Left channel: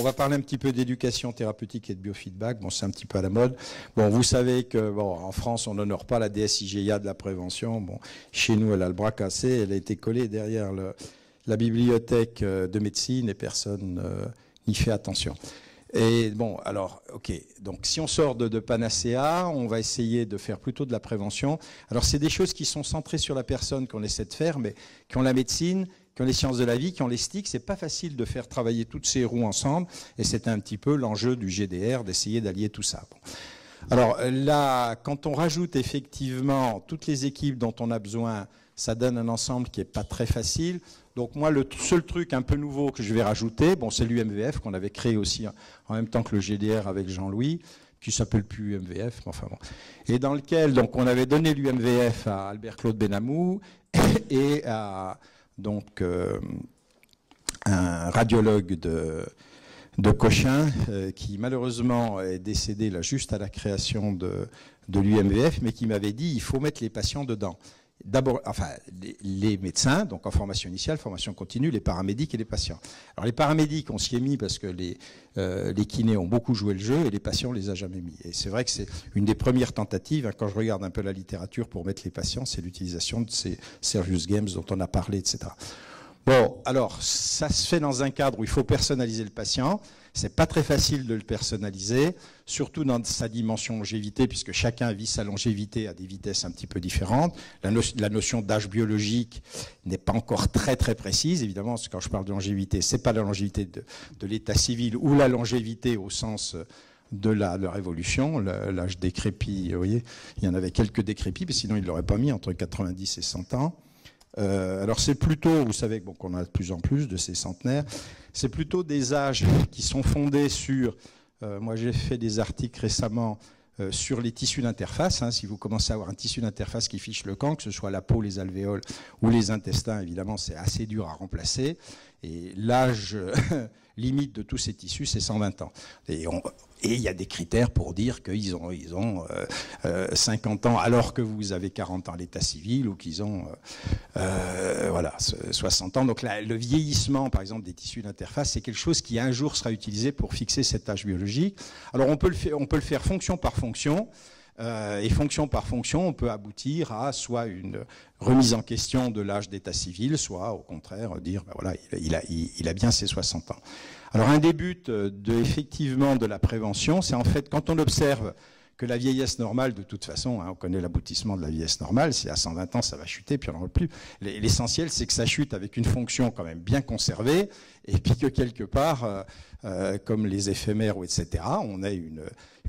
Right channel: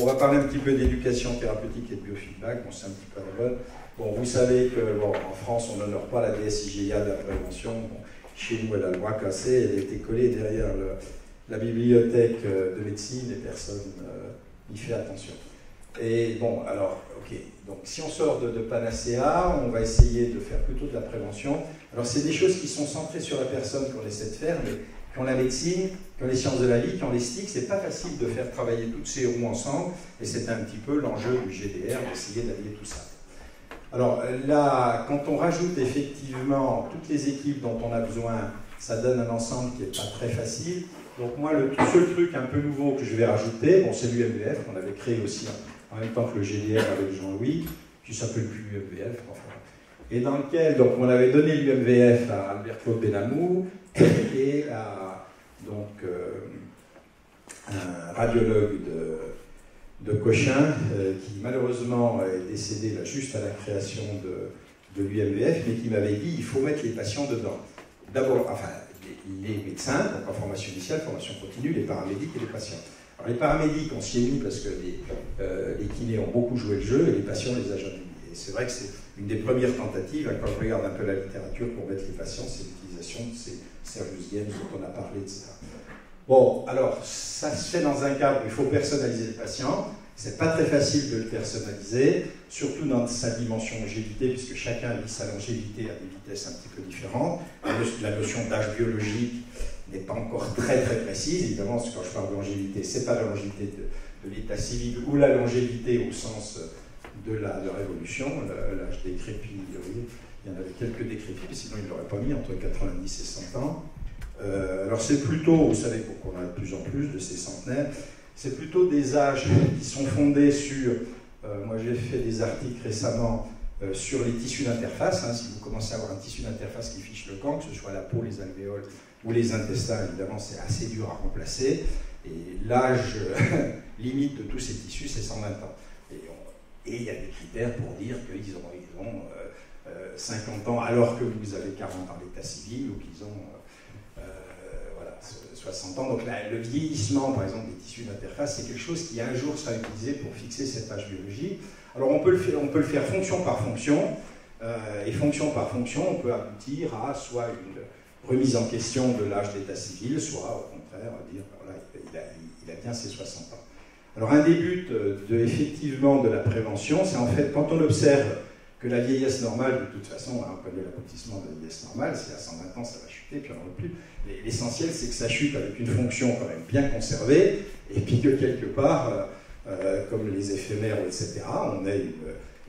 on va parler un petit peu d'éducation thérapeutique et de biofeedback. Bon, c'est un petit peu à la mode. Bon, vous savez que bon, en France, on n'honore pas la DSIGIA de la prévention. Bon, chez nous, elle a le bras cassé. Elle a été collée derrière la bibliothèque de médecine et personne n'y fait attention. Et bon, alors, ok. Donc, si on sort de Panacea, on va essayer de faire plutôt de la prévention. Alors, c'est des choses qui sont centrées sur la personne qu'on essaie de faire, mais qui ont la médecine, qui ont les sciences de la vie, qui ont les STIC, c'est pas facile de faire travailler toutes ces roues ensemble, et c'est un petit peu l'enjeu du GDR, d'essayer d'allier tout ça. Alors là, quand on rajoute effectivement toutes les équipes dont on a besoin, ça donne un ensemble qui n'est pas très facile. Donc moi, le seul truc un peu nouveau que je vais rajouter, bon, c'est l'UMVF qu'on avait créé aussi en même temps que le GDR avec Jean-Louis, qui ne s'appelle plus UMVF, enfin voilà. Et dans lequel donc, on avait donné l'UMVF à Albert-Claude Benamou et à donc, un radiologue de Cochin qui malheureusement est décédé là, juste à la création de l'UMVF, mais qui m'avait dit il faut mettre les patients dedans. D'abord, enfin, les médecins, donc en formation initiale, formation continue, les paramédics et les patients. Alors les paramédics, on s'y est mis parce que les kinés ont beaucoup joué le jeu et les patients, on les a jamais mis. Et c'est vrai que c'est une des premières tentatives, hein, quand je regarde un peu la littérature pour mettre les patients, c'est l'utilisation de ces serious games dont on a parlé, etc. Bon, alors, ça se fait dans un cadre où il faut personnaliser le patient. C'est pas très facile de le personnaliser, surtout dans sa dimension longévité, puisque chacun vit sa longévité à des vitesses un petit peu différentes. La notion d'âge biologique n'est pas encore très très précise. Évidemment, quand je parle de longévité, c'est pas la longévité de l'état civil ou la longévité au sens de leur évolution, l'âge décrépit, vous voyez, il y en avait quelques décrépits, mais sinon ils ne l'auraient pas mis entre 90 et 100 ans. Alors c'est plutôt, vous savez qu'on a de plus en plus de ces centenaires, c'est plutôt des âges qui sont fondés sur, moi j'ai fait des articles récemment sur les tissus d'interface, hein, si vous commencez à avoir un tissu d'interface qui fiche le camp, que ce soit la peau, les alvéoles ou les intestins, évidemment c'est assez dur à remplacer, et l'âge limite de tous ces tissus c'est 120 ans. Et il y a des critères pour dire qu'ils ont 50 ans alors que vous avez 40 ans à l'état civil ou qu'ils ont voilà, 60 ans. Donc là, le vieillissement, par exemple, des tissus d'interface, c'est quelque chose qui un jour sera utilisé pour fixer cet âge biologique. Alors on peut le faire fonction par fonction, et fonction par fonction, on peut aboutir à soit une remise en question de l'âge d'état civil, soit au contraire dire, ben voilà, il a bien ses 60 ans. Alors un des buts effectivement de la prévention, c'est en fait quand on observe que la vieillesse normale, de toute façon, hein, on connaît l'aboutissement de la vieillesse normale, c'est à 120 ans ça va chuter, puis on n'en veut plus. L'essentiel c'est que ça chute avec une fonction quand même bien conservée, et puis que quelque part, comme les éphémères, etc., on ait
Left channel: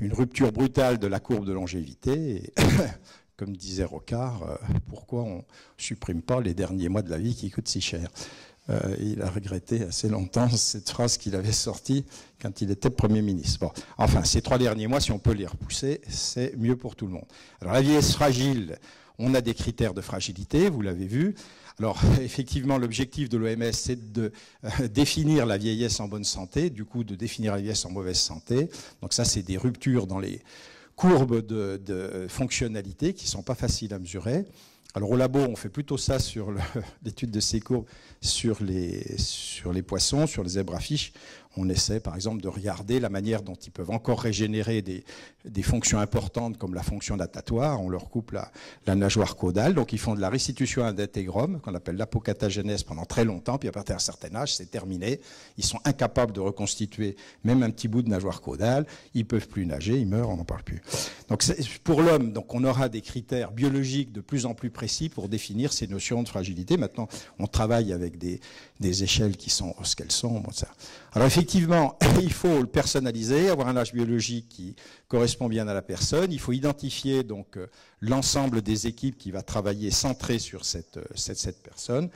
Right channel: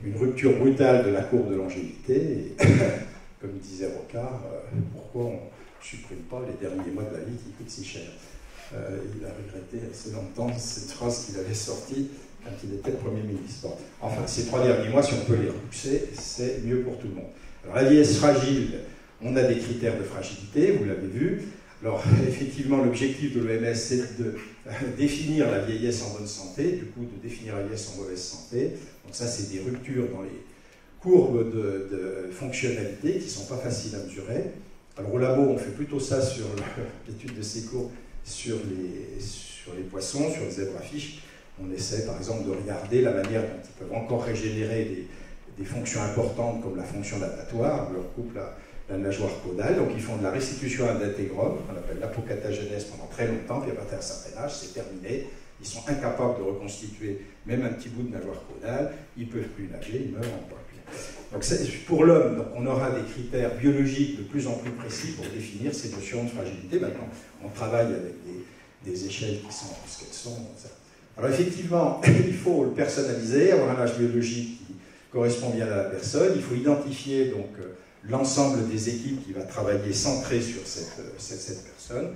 une rupture brutale de la courbe de longévité, et comme disait Rocard, pourquoi on ne supprime pas les derniers mois de la vie qui coûtent si cher? Il a regretté assez longtemps cette phrase qu'il avait sortie quand il était Premier ministre. Bon, enfin, ces 3 derniers mois, si on peut les repousser, c'est mieux pour tout le monde. Alors, la vieillesse fragile, on a des critères de fragilité, vous l'avez vu. Alors, effectivement, l'objectif de l'OMS, c'est de définir la vieillesse en bonne santé, du coup, de définir la vieillesse en mauvaise santé. Donc ça, c'est des ruptures dans les courbes de fonctionnalité qui ne sont pas faciles à mesurer. Alors, au labo, on fait plutôt ça sur l'étude de ces courbes, sur les poissons, sur les zèbres-fiches. On essaie par exemple de regarder la manière dont ils peuvent encore régénérer des fonctions importantes comme la fonction natatoire. On leur coupe la nageoire caudale, donc ils font de la restitution d'intégrome, qu'on appelle l'apocatagénèse pendant très longtemps, puis à partir d'un certain âge, c'est terminé. Ils sont incapables de reconstituer même un petit bout de nageoire caudale, ils ne peuvent plus nager, ils meurent, on n'en parle plus. Donc pour l'homme, donc on aura des critères biologiques de plus en plus précis pour définir ces notions de fragilité. Maintenant, on travaille avec des échelles qui sont ce qu'elles sont. Bon, ça. Alors effectivement, il faut le personnaliser, avoir un âge biologique qui correspond bien à la personne. Il faut identifier donc l'ensemble des équipes qui va travailler centrées sur cette personne,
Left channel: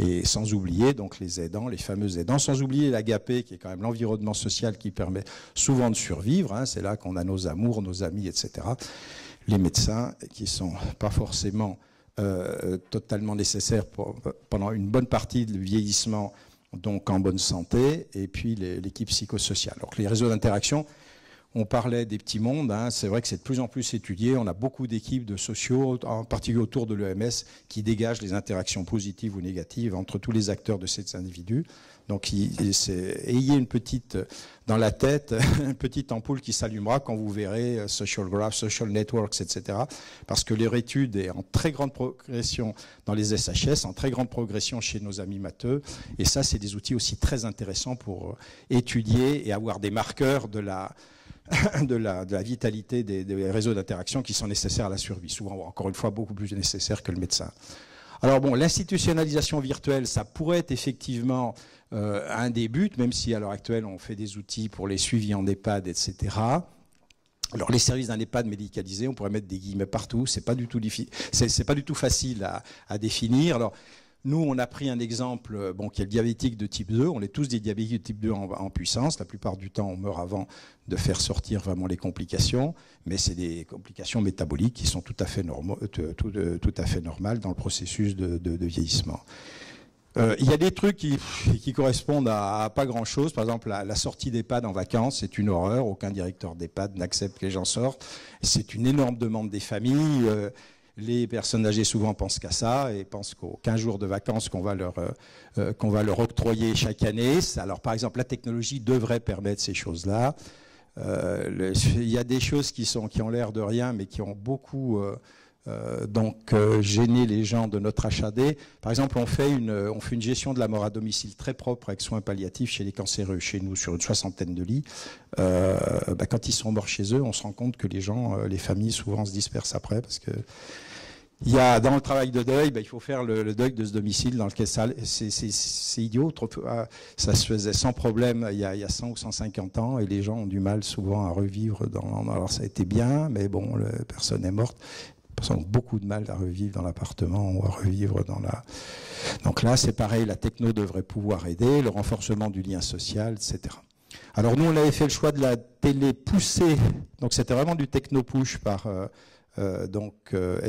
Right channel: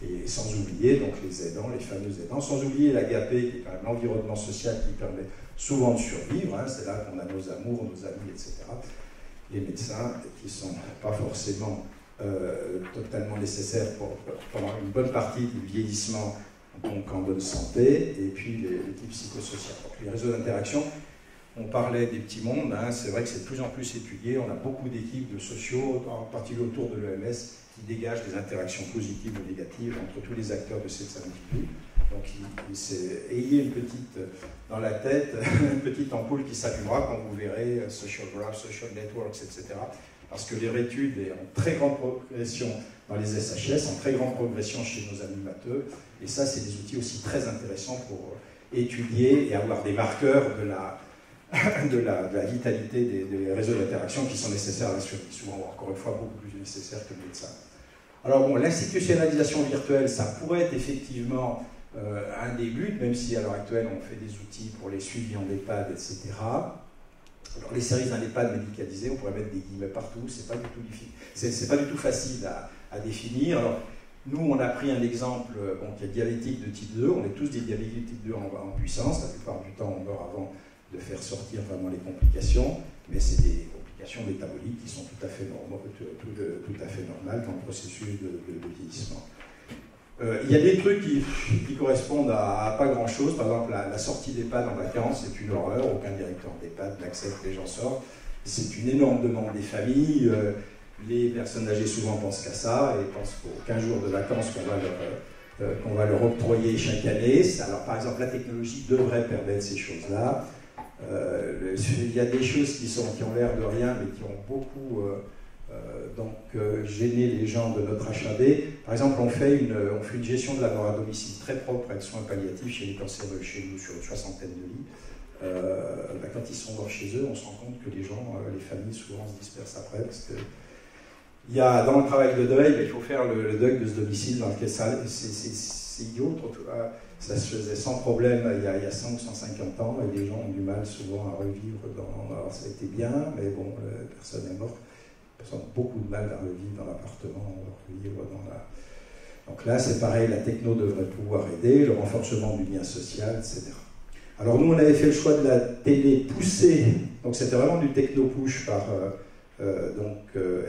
et sans oublier donc les aidants, les fameux aidants, sans oublier l'agapé, qui est quand même l'environnement social qui permet souvent de survivre, hein, c'est là qu'on a nos amours, nos amis, etc. Les médecins qui ne sont pas forcément totalement nécessaires pendant une bonne partie du vieillissement, donc en bonne santé, et puis l'équipe psychosociale. Donc les réseaux d'interaction, on parlait des petits mondes, hein, c'est vrai que c'est de plus en plus étudié, on a beaucoup d'équipes de sociaux, en particulier autour de l'EMS, qui dégagent des interactions positives ou négatives entre tous les acteurs de ces individus. Donc ayez une petite, dans la tête, une petite ampoule qui s'allumera quand vous verrez social graph, social networks, etc. Parce que leur étude est en très grande progression dans les SHS, en très grande progression chez nos amis matheux. Et ça, c'est des outils aussi très intéressants pour étudier et avoir des marqueurs de la vitalité des réseaux d'interaction qui sont nécessaires à la survie. Souvent, encore une fois, beaucoup plus nécessaires que le médecin. Alors bon, l'institutionnalisation virtuelle, ça pourrait être effectivement un des buts, même si à l'heure actuelle on fait des outils pour les suivis en EHPAD, etc. Alors les services d'un EHPAD médicalisé, on pourrait mettre des guillemets partout, c'est pas du tout difficile, c'est pas du tout facile à définir. Alors nous, on a pris un exemple, qui est le diabétique de type 2, on est tous des diabétiques de type 2 en puissance, la plupart du temps on meurt avant de faire sortir vraiment les complications, mais c'est des complications métaboliques qui sont tout à fait normales dans le processus de vieillissement. Il y a des trucs qui correspondent à pas grand-chose. Par exemple, la sortie d'EHPAD en vacances, c'est une horreur. Aucun directeur d'EHPAD n'accepte que les gens sortent. C'est une énorme demande des familles. Les personnes âgées souvent pensent qu'à ça et pensent qu'aux 15 jours de vacances qu'on va leur octroyer chaque année. Alors, par exemple, la technologie devrait permettre ces choses-là. Il y a des choses qui ont l'air de rien, mais qui ont beaucoup gêné les gens de notre HAD. Par exemple, on fait une gestion de la mort à domicile très propre avec soins palliatifs chez les cancéreux, chez nous, sur une 60aine de lits. Quand ils sont morts chez eux, on se rend compte que les gens, les familles, souvent se dispersent après, parce que dans le travail de deuil, il faut faire le deuil de ce domicile dans lequel c'est idiot. Ça se faisait sans problème il y a 100 ou 150 ans et les gens ont du mal souvent à revivre. Alors ça a été bien, mais bon, la personne est morte. Les personnes ont beaucoup de mal à revivre dans l'appartement ou à revivre dans la... Donc là, c'est pareil, la techno devrait pouvoir aider, le renforcement du lien social, etc. Alors nous, on avait fait le choix de la télé poussée, donc c'était vraiment du techno-push par...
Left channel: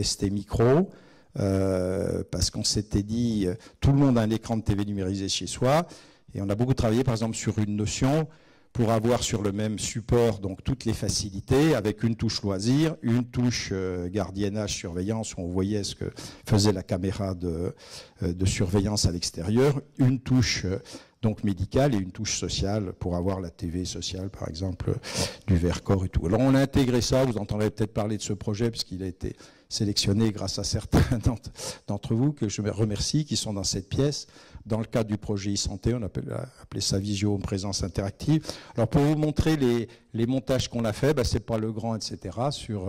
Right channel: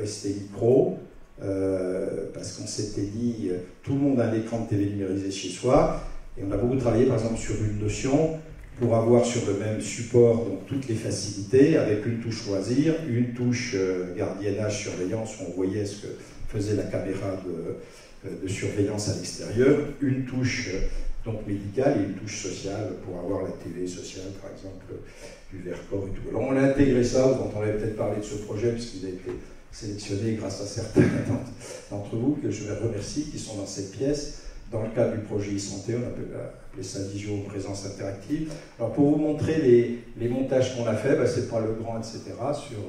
ST Micro, parce qu'on s'était dit, tout le monde a un écran de TV numérisé chez soi, et on a beaucoup travaillé par exemple sur une notion pour avoir sur le même support donc toutes les facilités, avec une touche loisir, une touche gardiennage, surveillance, où on voyait ce que faisait la caméra de surveillance à l'extérieur, une touche donc médicale et une touche sociale pour avoir la TV sociale, par exemple, du Vercors et tout. Alors on a intégré ça, vous entendrez peut-être parler de ce projet, puisqu'il a été sélectionné grâce à certains d'entre vous, que je remercie, qui sont dans cette pièce, dans le cadre du projet e-santé, on appelait ça visio présence interactive. Alors pour vous montrer les montages qu'on a fait, c'est pas le grand, etc., sur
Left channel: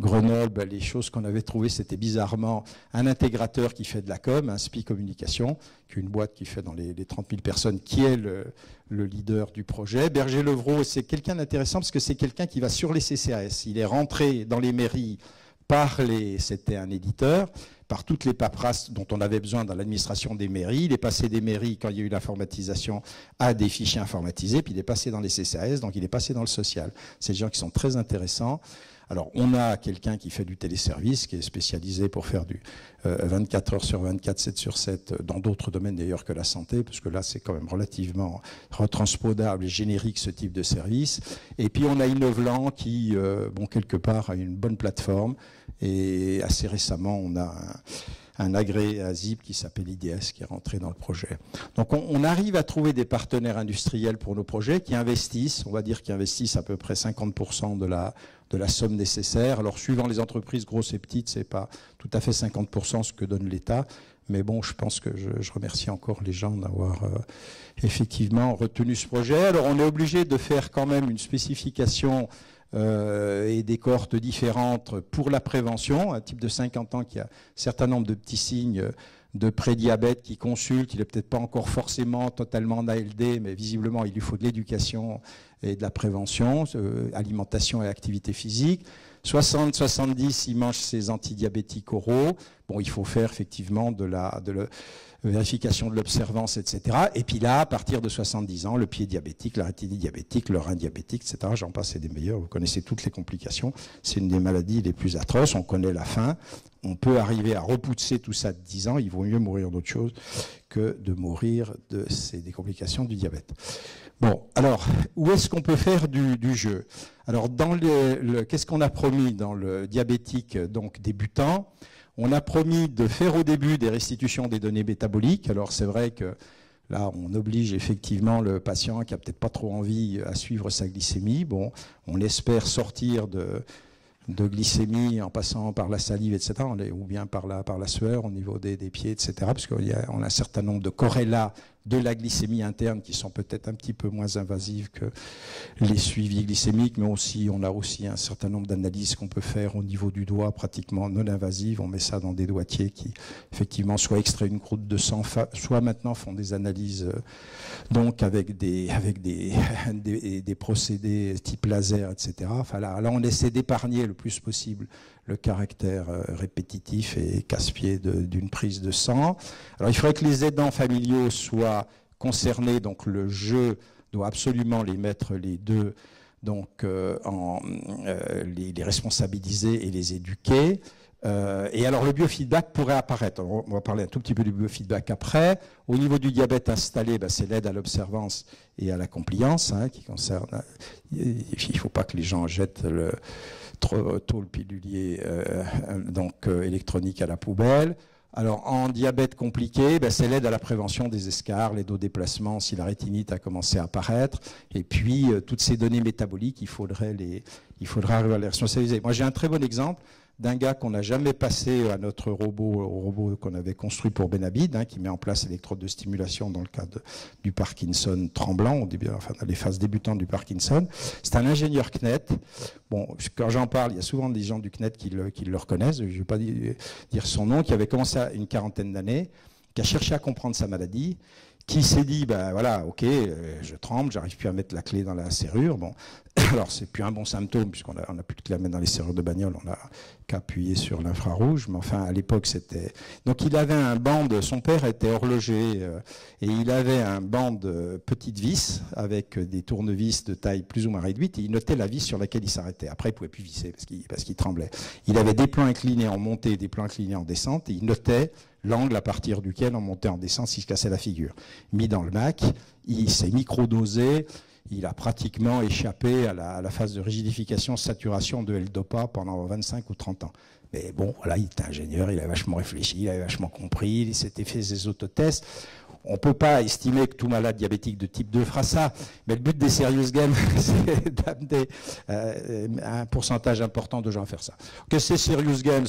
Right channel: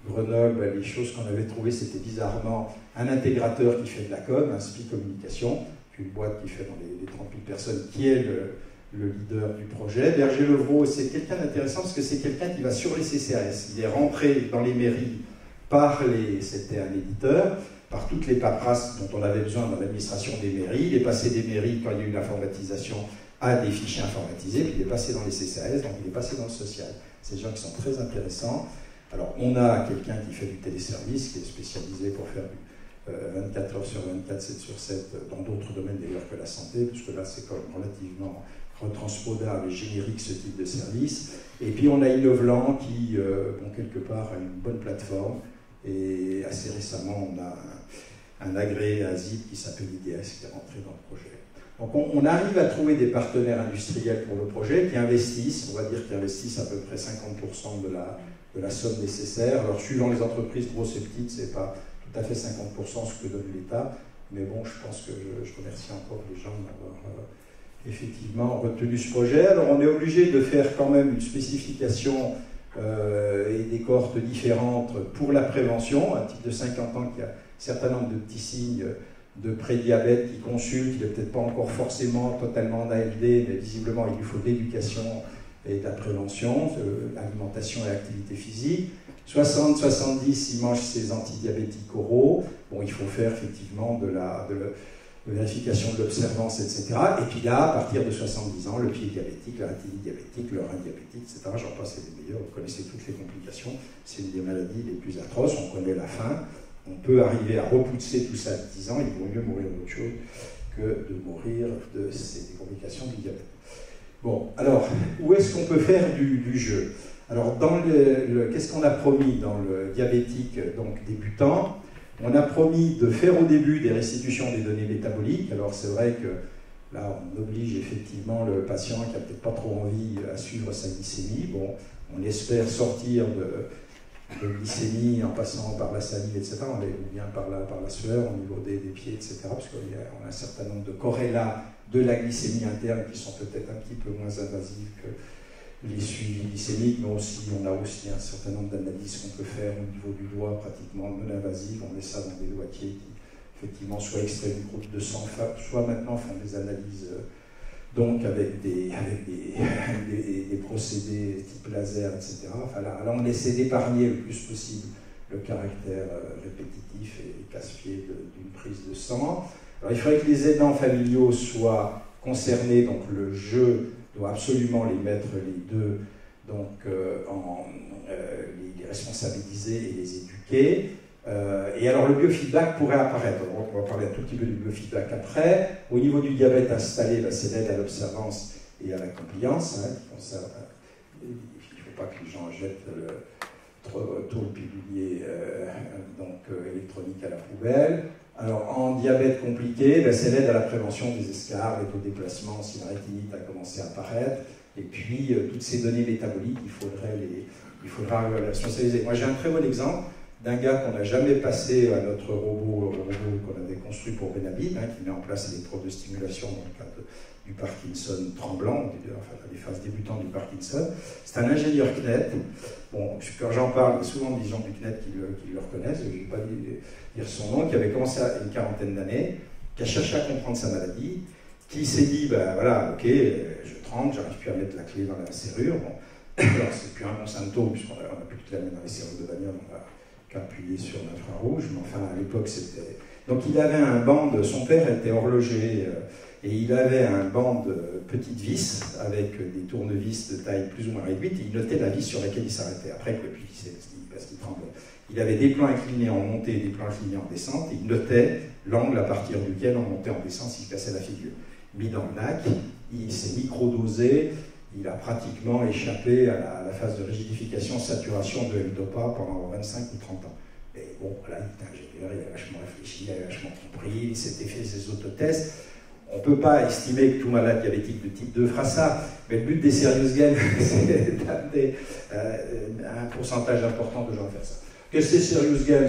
Grenoble, les choses qu'on avait trouvées, c'était bizarrement un intégrateur qui fait de la com, un SPI Communication, une boîte qui fait dans les 30 000 personnes, qui est le leader du projet. Berger-Levrault, c'est quelqu'un d'intéressant parce que c'est quelqu'un qui va sur les CCAS. Il est rentré dans les mairies c'était un éditeur, par toutes les paperasses dont on avait besoin dans l'administration des mairies. Il est passé des mairies, quand il y a eu l'informatisation, à des fichiers informatisés, puis il est passé dans les CCAS, donc il est passé dans le social. C'est des gens qui sont très intéressants. Alors, on a quelqu'un qui fait du téléservice, qui est spécialisé pour faire du 24 heures sur 24, 7 sur 7, dans d'autres domaines d'ailleurs que la santé, parce que là c'est quand même relativement retranspodable et générique ce type de service. Et puis on a Innovlan qui, quelque part, a une bonne plateforme. Et assez récemment, on a un agréé à ZIP qui s'appelle IDS qui est rentré dans le projet. Donc on arrive à trouver des partenaires industriels pour nos projets qui investissent, on va dire qu'ils investissent à peu près 50% de la somme nécessaire. Alors suivant les entreprises grosses et petites, c'est pas tout à fait 50% ce que donne l'État, mais bon, je pense que je remercie encore les gens d'avoir effectivement retenu ce projet. Alors on est obligé de faire quand même une spécification et des cohortes différentes pour la prévention. Un type de 50 ans qui a un certain nombre de petits signes de prédiabète qui consulte, il n'est peut-être pas encore forcément totalement en ALD, mais visiblement il lui faut de l'éducation et de la prévention, alimentation et activité physique. 60-70, il mange ses antidiabétiques oraux. Bon, il faut faire effectivement de la vérification de l'observance, etc. Et puis là, à partir de 70 ans, le pied diabétique, la rétine diabétique, le rein diabétique, etc. J'en passe, c'est des meilleurs. Vous connaissez toutes les complications. C'est une des maladies les plus atroces. On connaît la fin. On peut arriver à repousser tout ça à 10 ans. Il vaut mieux mourir d'autre chose que de mourir des complications du diabète. Bon, alors, où est-ce qu'on peut faire du jeu ? Alors, qu'est-ce qu'on a promis dans le diabétique donc débutant ? On a promis de faire au début des restitutions des données métaboliques. Alors, c'est vrai que Là, on oblige effectivement le patient qui n'a peut-être pas trop envie à suivre sa glycémie. Bon, on espère sortir de glycémie en passant par la salive, etc., ou bien par la sueur au niveau des pieds, etc., parce qu'on a un certain nombre de corrélats de la glycémie interne qui sont peut-être un petit peu moins invasifs que les suivis glycémiques, mais aussi, on a aussi un certain nombre d'analyses qu'on peut faire au niveau du doigt, pratiquement non invasives. On met ça dans des doigtiers qui, effectivement, soit extraient une goutte de sang, soit maintenant font des analyses donc avec des procédés type laser, etc. Enfin, là, on essaie d'épargner le plus possible le caractère répétitif et casse-pied d'une prise de sang. Alors, il faudrait que les aidants familiaux soient concernés, donc le jeu doit absolument les mettre les deux, donc les responsabiliser et les éduquer. Et alors le biofeedback pourrait apparaître. On va parler un tout petit peu du biofeedback après. Au niveau du diabète installé, c'est l'aide à l'observance et à la compliance, qui concerne. Il ne faut pas que les gens jettent trop le pilulier électronique à la poubelle. Alors, en diabète compliqué, c'est l'aide à la prévention des escarres, l'aide au déplacement si la rétinite a commencé à apparaître. Et puis, toutes ces données métaboliques, il faudrait les responsabiliser. Moi, j'ai un très bon exemple d'un gars qu'on n'a jamais passé à notre robot qu'on avait construit pour Benabid, qui met en place l'électrode de stimulation dans le cadre du Parkinson tremblant, dans les phases débutantes du Parkinson. C'est un ingénieur CNET. Bon, quand j'en parle, il y a souvent des gens du CNET qui le reconnaissent, je ne vais pas dire son nom, qui avait commencé à une quarantaine d'années, qui a cherché à comprendre sa maladie, qui s'est dit, voilà, ok, je tremble, j'arrive plus à mettre la clé dans la serrure. Bon, alors c'est plus un bon symptôme, puisqu'on n'a plus de clé à mettre dans les serrures de bagnole, on a qu'appuyer sur l'infrarouge, mais enfin à l'époque c'était... Donc il avait un banc son père était horloger, et il avait un banc de petites vis avec des tournevis de taille plus ou moins réduite, et il notait la vis sur laquelle il s'arrêtait. Après il ne pouvait plus visser parce qu'il tremblait. Il avait des plans inclinés en montée et des plans inclinés en descente, et il notait l'angle à partir duquel on montait en descente s'il se cassait la figure. Mis dans le Mac, il s'est micro-dosé. Il a pratiquement échappé à la phase de rigidification, saturation de L-Dopa pendant 25 ou 30 ans. Mais bon, voilà, il était ingénieur, il a vachement réfléchi, il a vachement compris, il s'était fait ses autotests. On ne peut pas estimer que tout malade diabétique de type 2 fera ça, mais le but des Serious Games, c'est d'amener un pourcentage important de gens à faire ça. Que c'est Serious Games?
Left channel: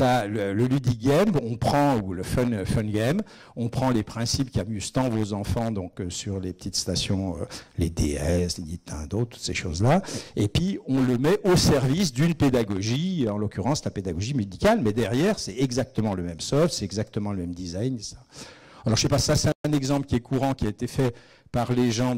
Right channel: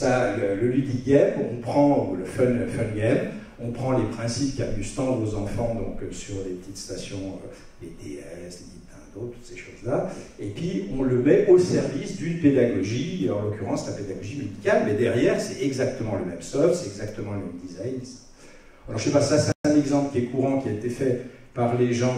Le ludic game, on prend, ou le fun game, on prend les principes qu'amusent tant vos enfants donc, sur les petites stations, les DS, les Nintendo, toutes ces choses-là, et puis on le met au service d'une pédagogie, en l'occurrence la pédagogie médicale, mais derrière c'est exactement le même soft, c'est exactement le même design. Alors je ne sais pas, ça c'est un exemple qui est courant, qui a été fait par les gens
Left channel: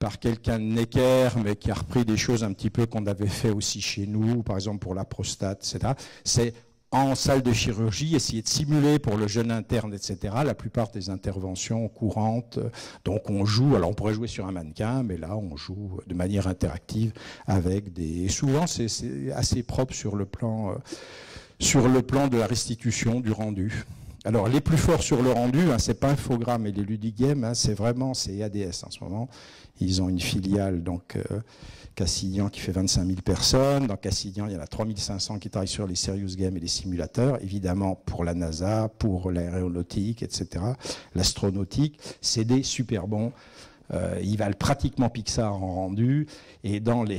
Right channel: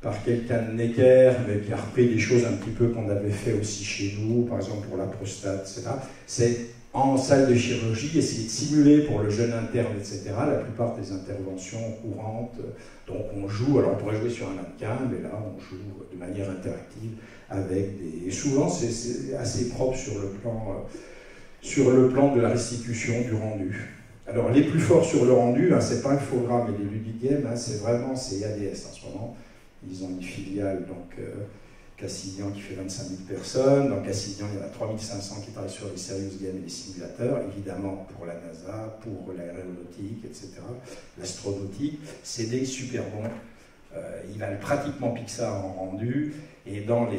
par quelqu'un de Necker, mais qui a repris des choses un petit peu qu'on avait fait aussi chez nous, par exemple pour la prostate, etc. C'est en salle de chirurgie, essayer de simuler pour le jeune interne, etc., la plupart des interventions courantes. Donc on joue, alors on pourrait jouer sur un mannequin, mais là on joue de manière interactive avec des... Et souvent c'est assez propre sur le plan de la restitution du rendu. Alors les plus forts sur le rendu, c'est pas Infogrames et les Ludic Games, c'est ADS en ce moment. Ils ont une filiale, donc Cassignan qui fait 25 000 personnes. Dans Cassignan, il y en a 3500 qui travaillent sur les Serious Games et les simulateurs, évidemment pour la NASA, pour l'aéronautique, etc. L'astronautique, c'est des super bons. Ils valent pratiquement Pixar en rendu. Et dans les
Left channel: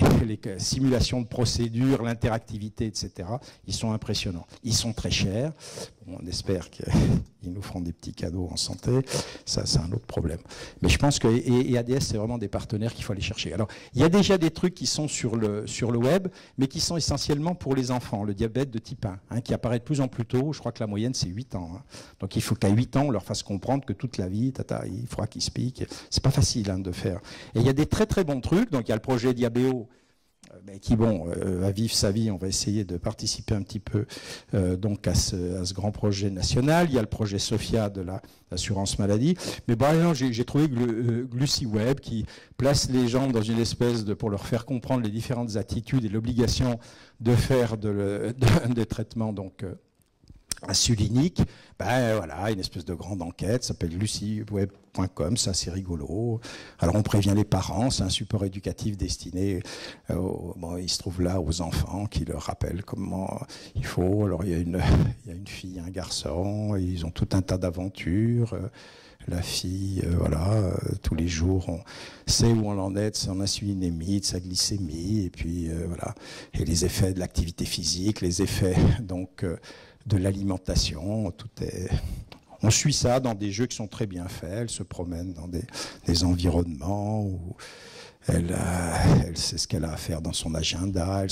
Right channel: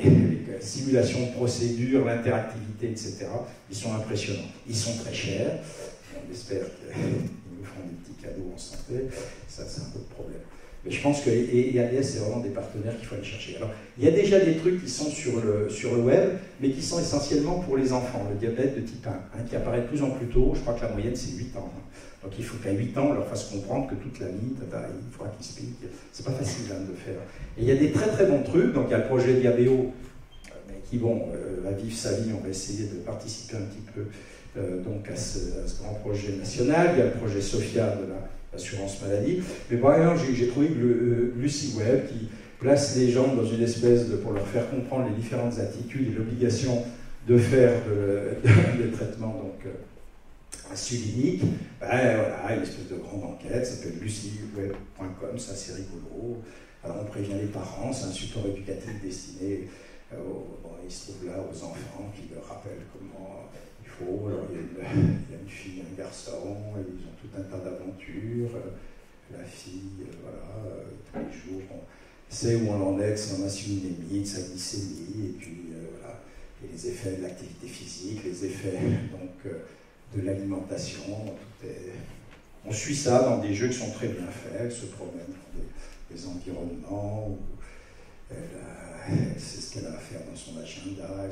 simulations de procédures, l'interactivité, etc., ils sont impressionnants. Ils sont très chers. On espère qu'ils nous feront des petits cadeaux en santé, ça c'est un autre problème. Mais je pense que et ADS c'est vraiment des partenaires qu'il faut aller chercher. Alors il y a déjà des trucs qui sont sur le web, mais qui sont essentiellement pour les enfants. Le diabète de type 1, qui apparaît de plus en plus tôt, je crois que la moyenne c'est 8 ans. Donc il faut qu'à 8 ans on leur fasse comprendre que toute la vie, il faudra qu'ils se piquent. C'est pas facile de faire. Et il y a des très très bons trucs, donc il y a le projet Diabéo, qui, va vivre sa vie, on va essayer de participer un petit peu donc à ce grand projet national. Il y a le projet SOFIA de l'assurance maladie. Mais par exemple, j'ai trouvé que Lucie Web, qui place les gens dans une espèce pour leur faire comprendre les différentes attitudes et l'obligation de faire des traitements donc, insuliniques, voilà, une espèce de grande enquête, ça s'appelle luciweb.com, c'est assez rigolo. Alors on prévient les parents, c'est un support éducatif destiné, il se trouve là aux enfants qui leur rappellent comment il faut. Alors il y a une fille, un garçon, ils ont tout un tas d'aventures. la fille, voilà, tous les jours, on sait où on en est, son insulinémie, de sa glycémie, et puis voilà, et les effets de l'activité physique, les effets donc de l'alimentation, tout est... On suit ça dans des jeux qui sont très bien faits, elle se promène dans des environnements où elle sait ce qu'elle a à faire dans son agenda,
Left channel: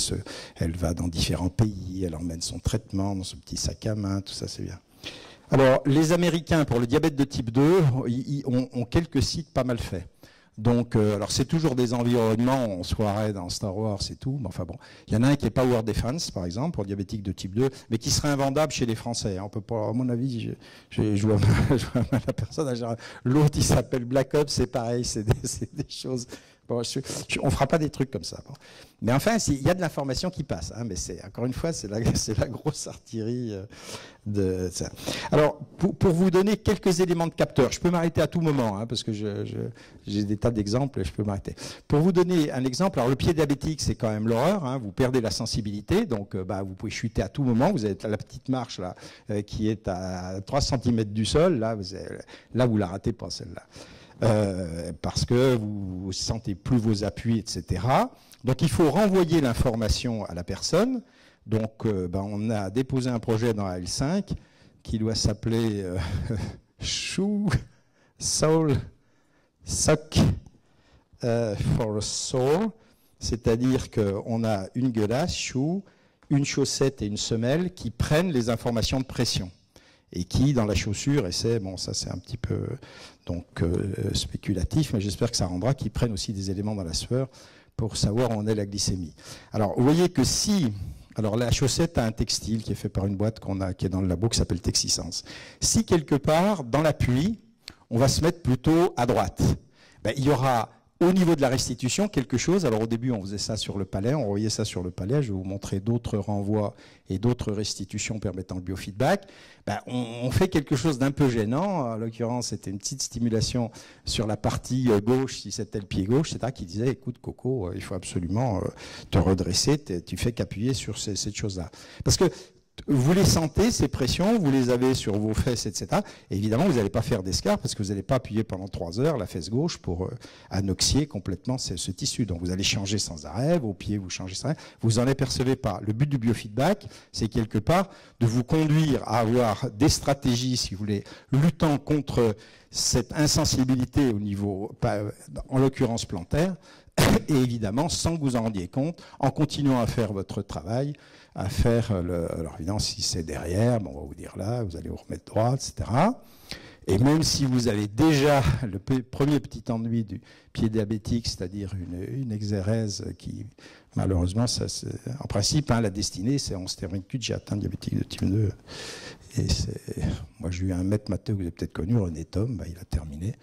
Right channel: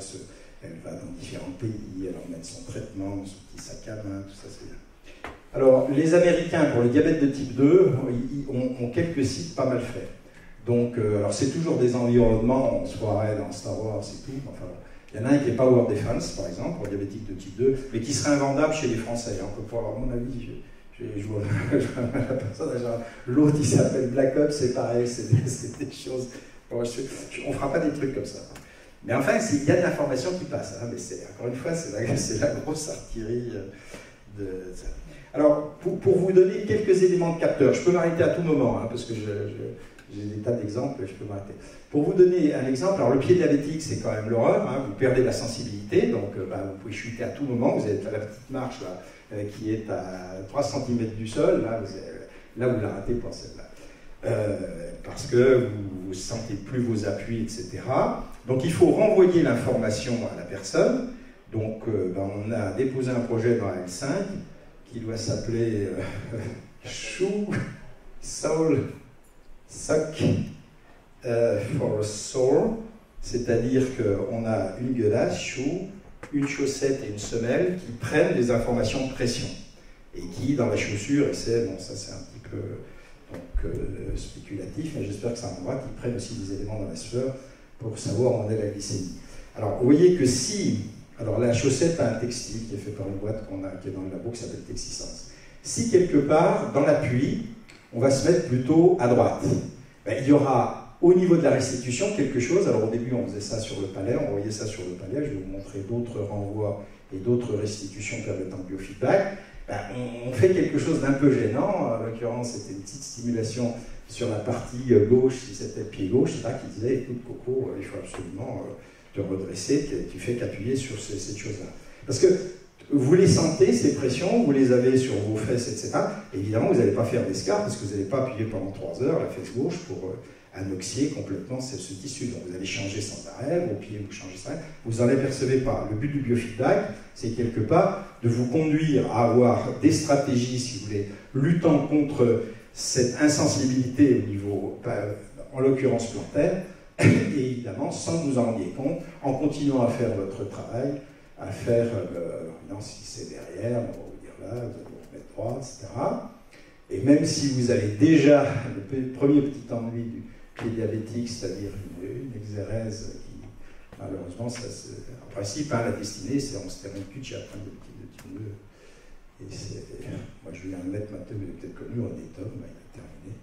elle va dans différents pays, elle emmène son traitement dans son petit sac à main, tout ça c'est bien. Alors, les Américains, pour le diabète de type 2, ont quelques sites pas mal faits. Donc, alors c'est toujours des environnements, en soirée, dans Star Wars et tout, mais enfin bon. Il y en a un qui est Power Defense, par exemple, pour diabétique de type 2, mais qui serait invendable chez les Français. On peut pas, à mon avis, je vois mal la personne. L'autre, il s'appelle Black Ops, c'est pareil, c'est des choses... Bon, on ne fera pas des trucs comme ça. Mais enfin, il y a de l'information qui passe. Hein, mais encore une fois, c'est la grosse artillerie... de ça. Alors, pour vous donner quelques éléments de capteur, je peux m'arrêter à tout moment, hein, parce que j'ai des tas d'exemples et je peux m'arrêter. Pour vous donner un exemple, alors le pied diabétique, c'est quand même l'horreur, hein, vous perdez la sensibilité, donc vous pouvez chuter à tout moment, vous êtes à la petite marche là, qui est à 3 cm du sol, là vous la ratez pas celle-là. Parce que vous ne sentez plus vos appuis, etc. Donc il faut renvoyer l'information à la personne. Donc, on a déposé un projet dans la L5 qui doit s'appeler Shoe, Soul, Sock for a Soul, c'est-à-dire qu'on a une gueulasse, shoe, une chaussette et une semelle qui prennent les informations de pression et qui, dans la chaussure, essaient, bon, ça c'est un petit peu spéculatif, mais j'espère que ça rendra, qu'ils prennent aussi des éléments dans la sueur pour savoir où en est la glycémie. Alors, vous voyez que si... Alors la chaussette a un textile qui est fait par une boîte qui est dans le labo qui s'appelle Texisens. Si quelque part, dans l'appui, on va se mettre plutôt à droite, il y aura au niveau de la restitution quelque chose. Alors au début on faisait ça sur le palais, on voyait ça sur le palais, je vais vous montrer d'autres renvois et d'autres restitutions permettant le biofeedback. On fait quelque chose d'un peu gênant, en l'occurrence c'était une petite stimulation sur la partie gauche, si c'était le pied gauche, là, qui disait, écoute Coco, il faut absolument te redresser, tu fais qu'appuyer sur cette chose-là. Parce que vous les sentez, ces pressions, vous les avez sur vos fesses, etc. Et évidemment, vous n'allez pas faire d'escarpe parce que vous n'allez pas appuyer pendant 3 heures la fesse gauche pour anoxier complètement ce tissu. Donc vous allez changer sans arrêt, vos pieds vous changez sans arrêt, vous n'en apercevez pas. Le but du biofeedback, c'est quelque part de vous conduire à avoir des stratégies, si vous voulez, luttant contre cette insensibilité au niveau, en l'occurrence plantaire, et évidemment, sans que vous en rendiez compte, en continuant à faire votre travail, à faire, alors évidemment, si c'est derrière, on va vous dire là, vous allez vous remettre droit, etc. Et même si vous avez déjà le premier petit ennui du pied diabétique, c'est-à-dire une exérèse qui, malheureusement, en principe, la destinée, c'est on se termine cul de chatte, diabétique de type 2. Et moi, j'ai eu un maître matheux, vous avez peut-être connu, René Thom, il a terminé.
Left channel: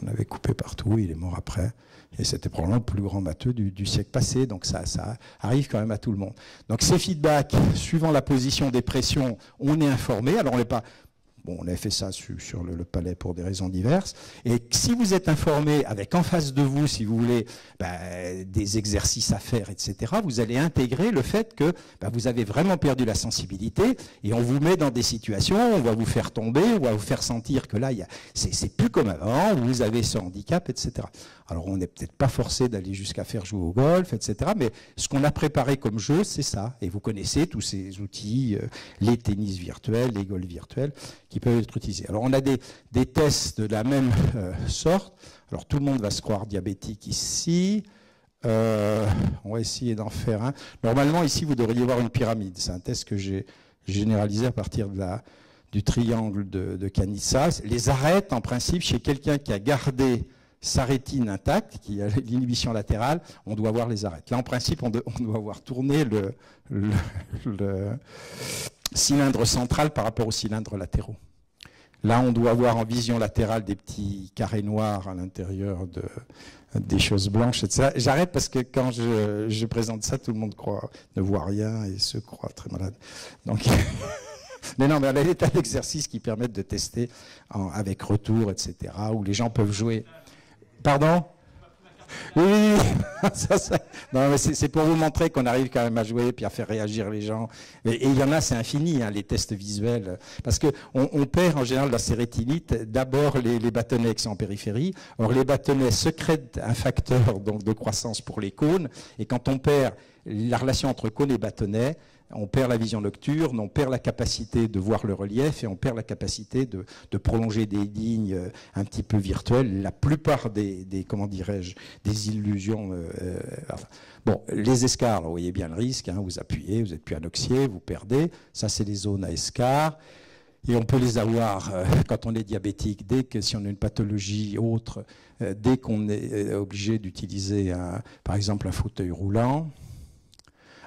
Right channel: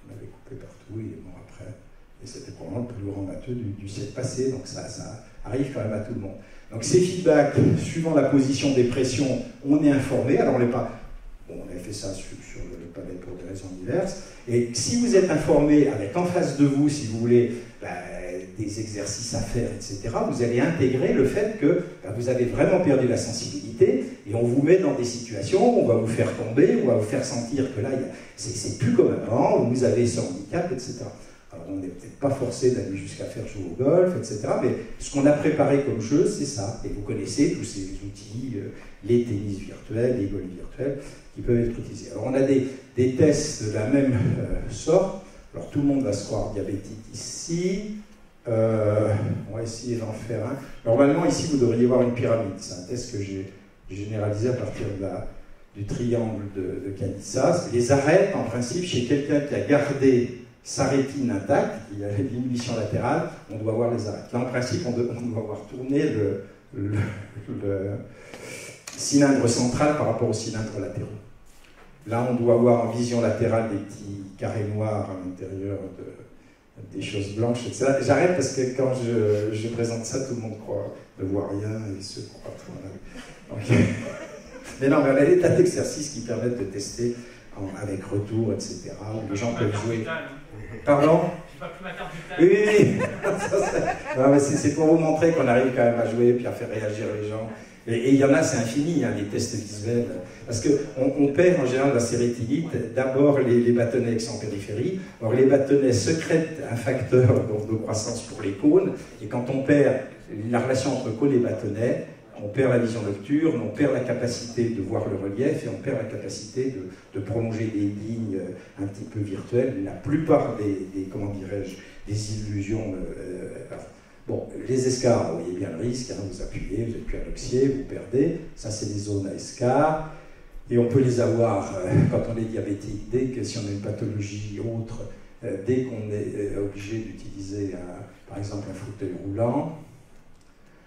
On avait coupé partout, il est mort après. Et c'était probablement le plus grand matheux du siècle passé, donc ça arrive quand même à tout le monde. Donc ces feedbacks, suivant la position des pressions, on est informé. Alors on n'est pas... Bon, on avait fait ça sur le palais pour des raisons diverses. Et si vous êtes informé avec en face de vous, si vous voulez, des exercices à faire, etc., vous allez intégrer le fait que vous avez vraiment perdu la sensibilité et on vous met dans des situations, on va vous faire tomber, on va vous faire sentir que là, c'est plus comme avant, vous avez ce handicap, etc. Alors on n'est peut-être pas forcé d'aller jusqu'à faire jouer au golf, etc. Mais ce qu'on a préparé comme jeu, c'est ça. Et vous connaissez tous ces outils, les tennis virtuels, les golfs virtuels, qui peuvent être utilisés. Alors on a des tests de la même sorte. Alors tout le monde va se croire diabétique ici. On va essayer d'en faire un. Normalement ici vous devriez voir une pyramide. C'est un test que j'ai généralisé à partir du triangle de Canissas. Les arêtes, en principe, chez quelqu'un qui a gardé sa rétine intacte, qui a l'inhibition latérale, on doit voir les arêtes. Là, en principe, on doit avoir tourné le cylindre central par rapport aux cylindres latéraux. Là, on doit avoir en vision latérale des petits carrés noirs à l'intérieur des choses blanches, etc. J'arrête parce que quand je présente ça, tout le monde ne voit rien et se croit très malade. Donc, mais non, on a des tas d'exercices qui permettent de tester avec retour, etc., où les gens peuvent jouer. Pardon ? Oui, c'est pour vous montrer qu'on arrive quand même à jouer puis à faire réagir les gens. Et il y en a, c'est infini, hein, les tests visuels. Parce qu'on perd en général dans ces rétinites d'abord les bâtonnets qui sont en périphérie. Or, les bâtonnets sécrètent un facteur donc, de croissance pour les cônes. Et quand on perd la relation entre cône et bâtonnet, on perd la vision nocturne, on perd la capacité de voir le relief et on perd la capacité de prolonger des lignes un petit peu virtuelles. La plupart comment dirais-je, des illusions. Bon, les escarres, vous voyez bien le risque, hein, vous appuyez, vous n'êtes plus anoxié, vous perdez. Ça, c'est des zones à escarres. Et on peut les avoir quand on est diabétique, dès que si on a une pathologie autre, dès qu'on est obligé d'utiliser, par exemple, un fauteuil roulant.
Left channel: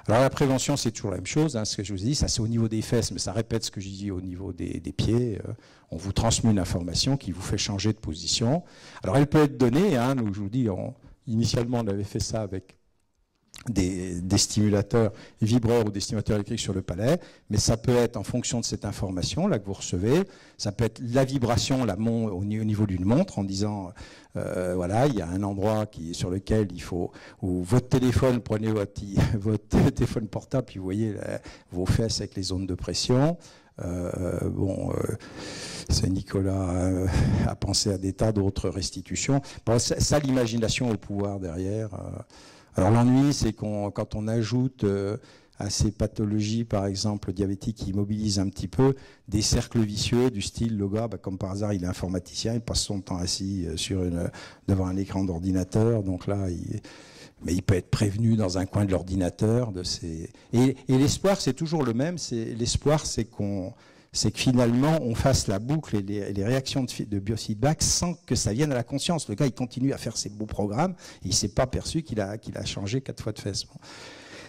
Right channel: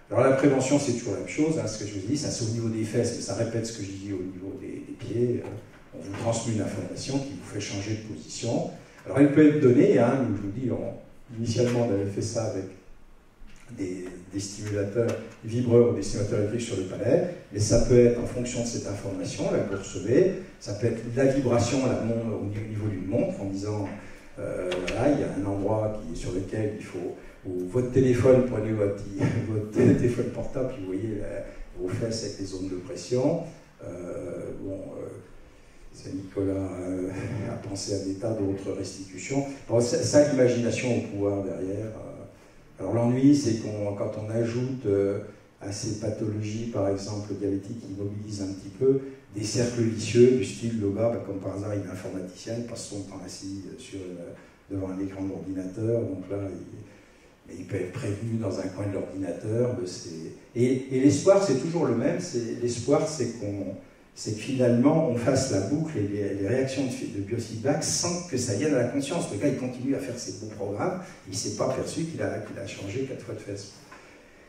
Alors la prévention, c'est toujours la même chose, hein, ce que je vous dis, ça c'est au niveau des fesses, mais ça répète ce que je dis au niveau des pieds. On vous transmet une information qui vous fait changer de position. Alors elle peut être donnée, hein, donc je vous dis, initialement on avait fait ça avec des stimulateurs vibreurs, des stimulateurs électriques sur le palais, mais ça peut être en fonction de cette information là que vous recevez, ça peut être la vibration au niveau d'une montre en disant... voilà, il y a un endroit sur lequel il faut, ou votre téléphone, prenez votre téléphone portable, puis vous voyez vos fesses avec les zones de pression. C'est Nicolas a pensé à des tas d'autres restitutions. Bon, ça, l'imagination au pouvoir derrière. Alors l'ennui, c'est quand on ajoute à ces pathologies, par exemple diabétiques, qui immobilisent un petit peu, des cercles vicieux du style le gars, comme par hasard il est informaticien, il passe son temps assis devant un écran d'ordinateur, donc là mais il peut être prévenu dans un coin de l'ordinateur et l'espoir c'est toujours le même, l'espoir c'est que finalement on fasse la boucle et les réactions de biofeedback sans que ça vienne à la conscience. Le gars il continue à faire ses beaux programmes et il ne s'est pas perçu qu'il a changé 4 fois de fesses.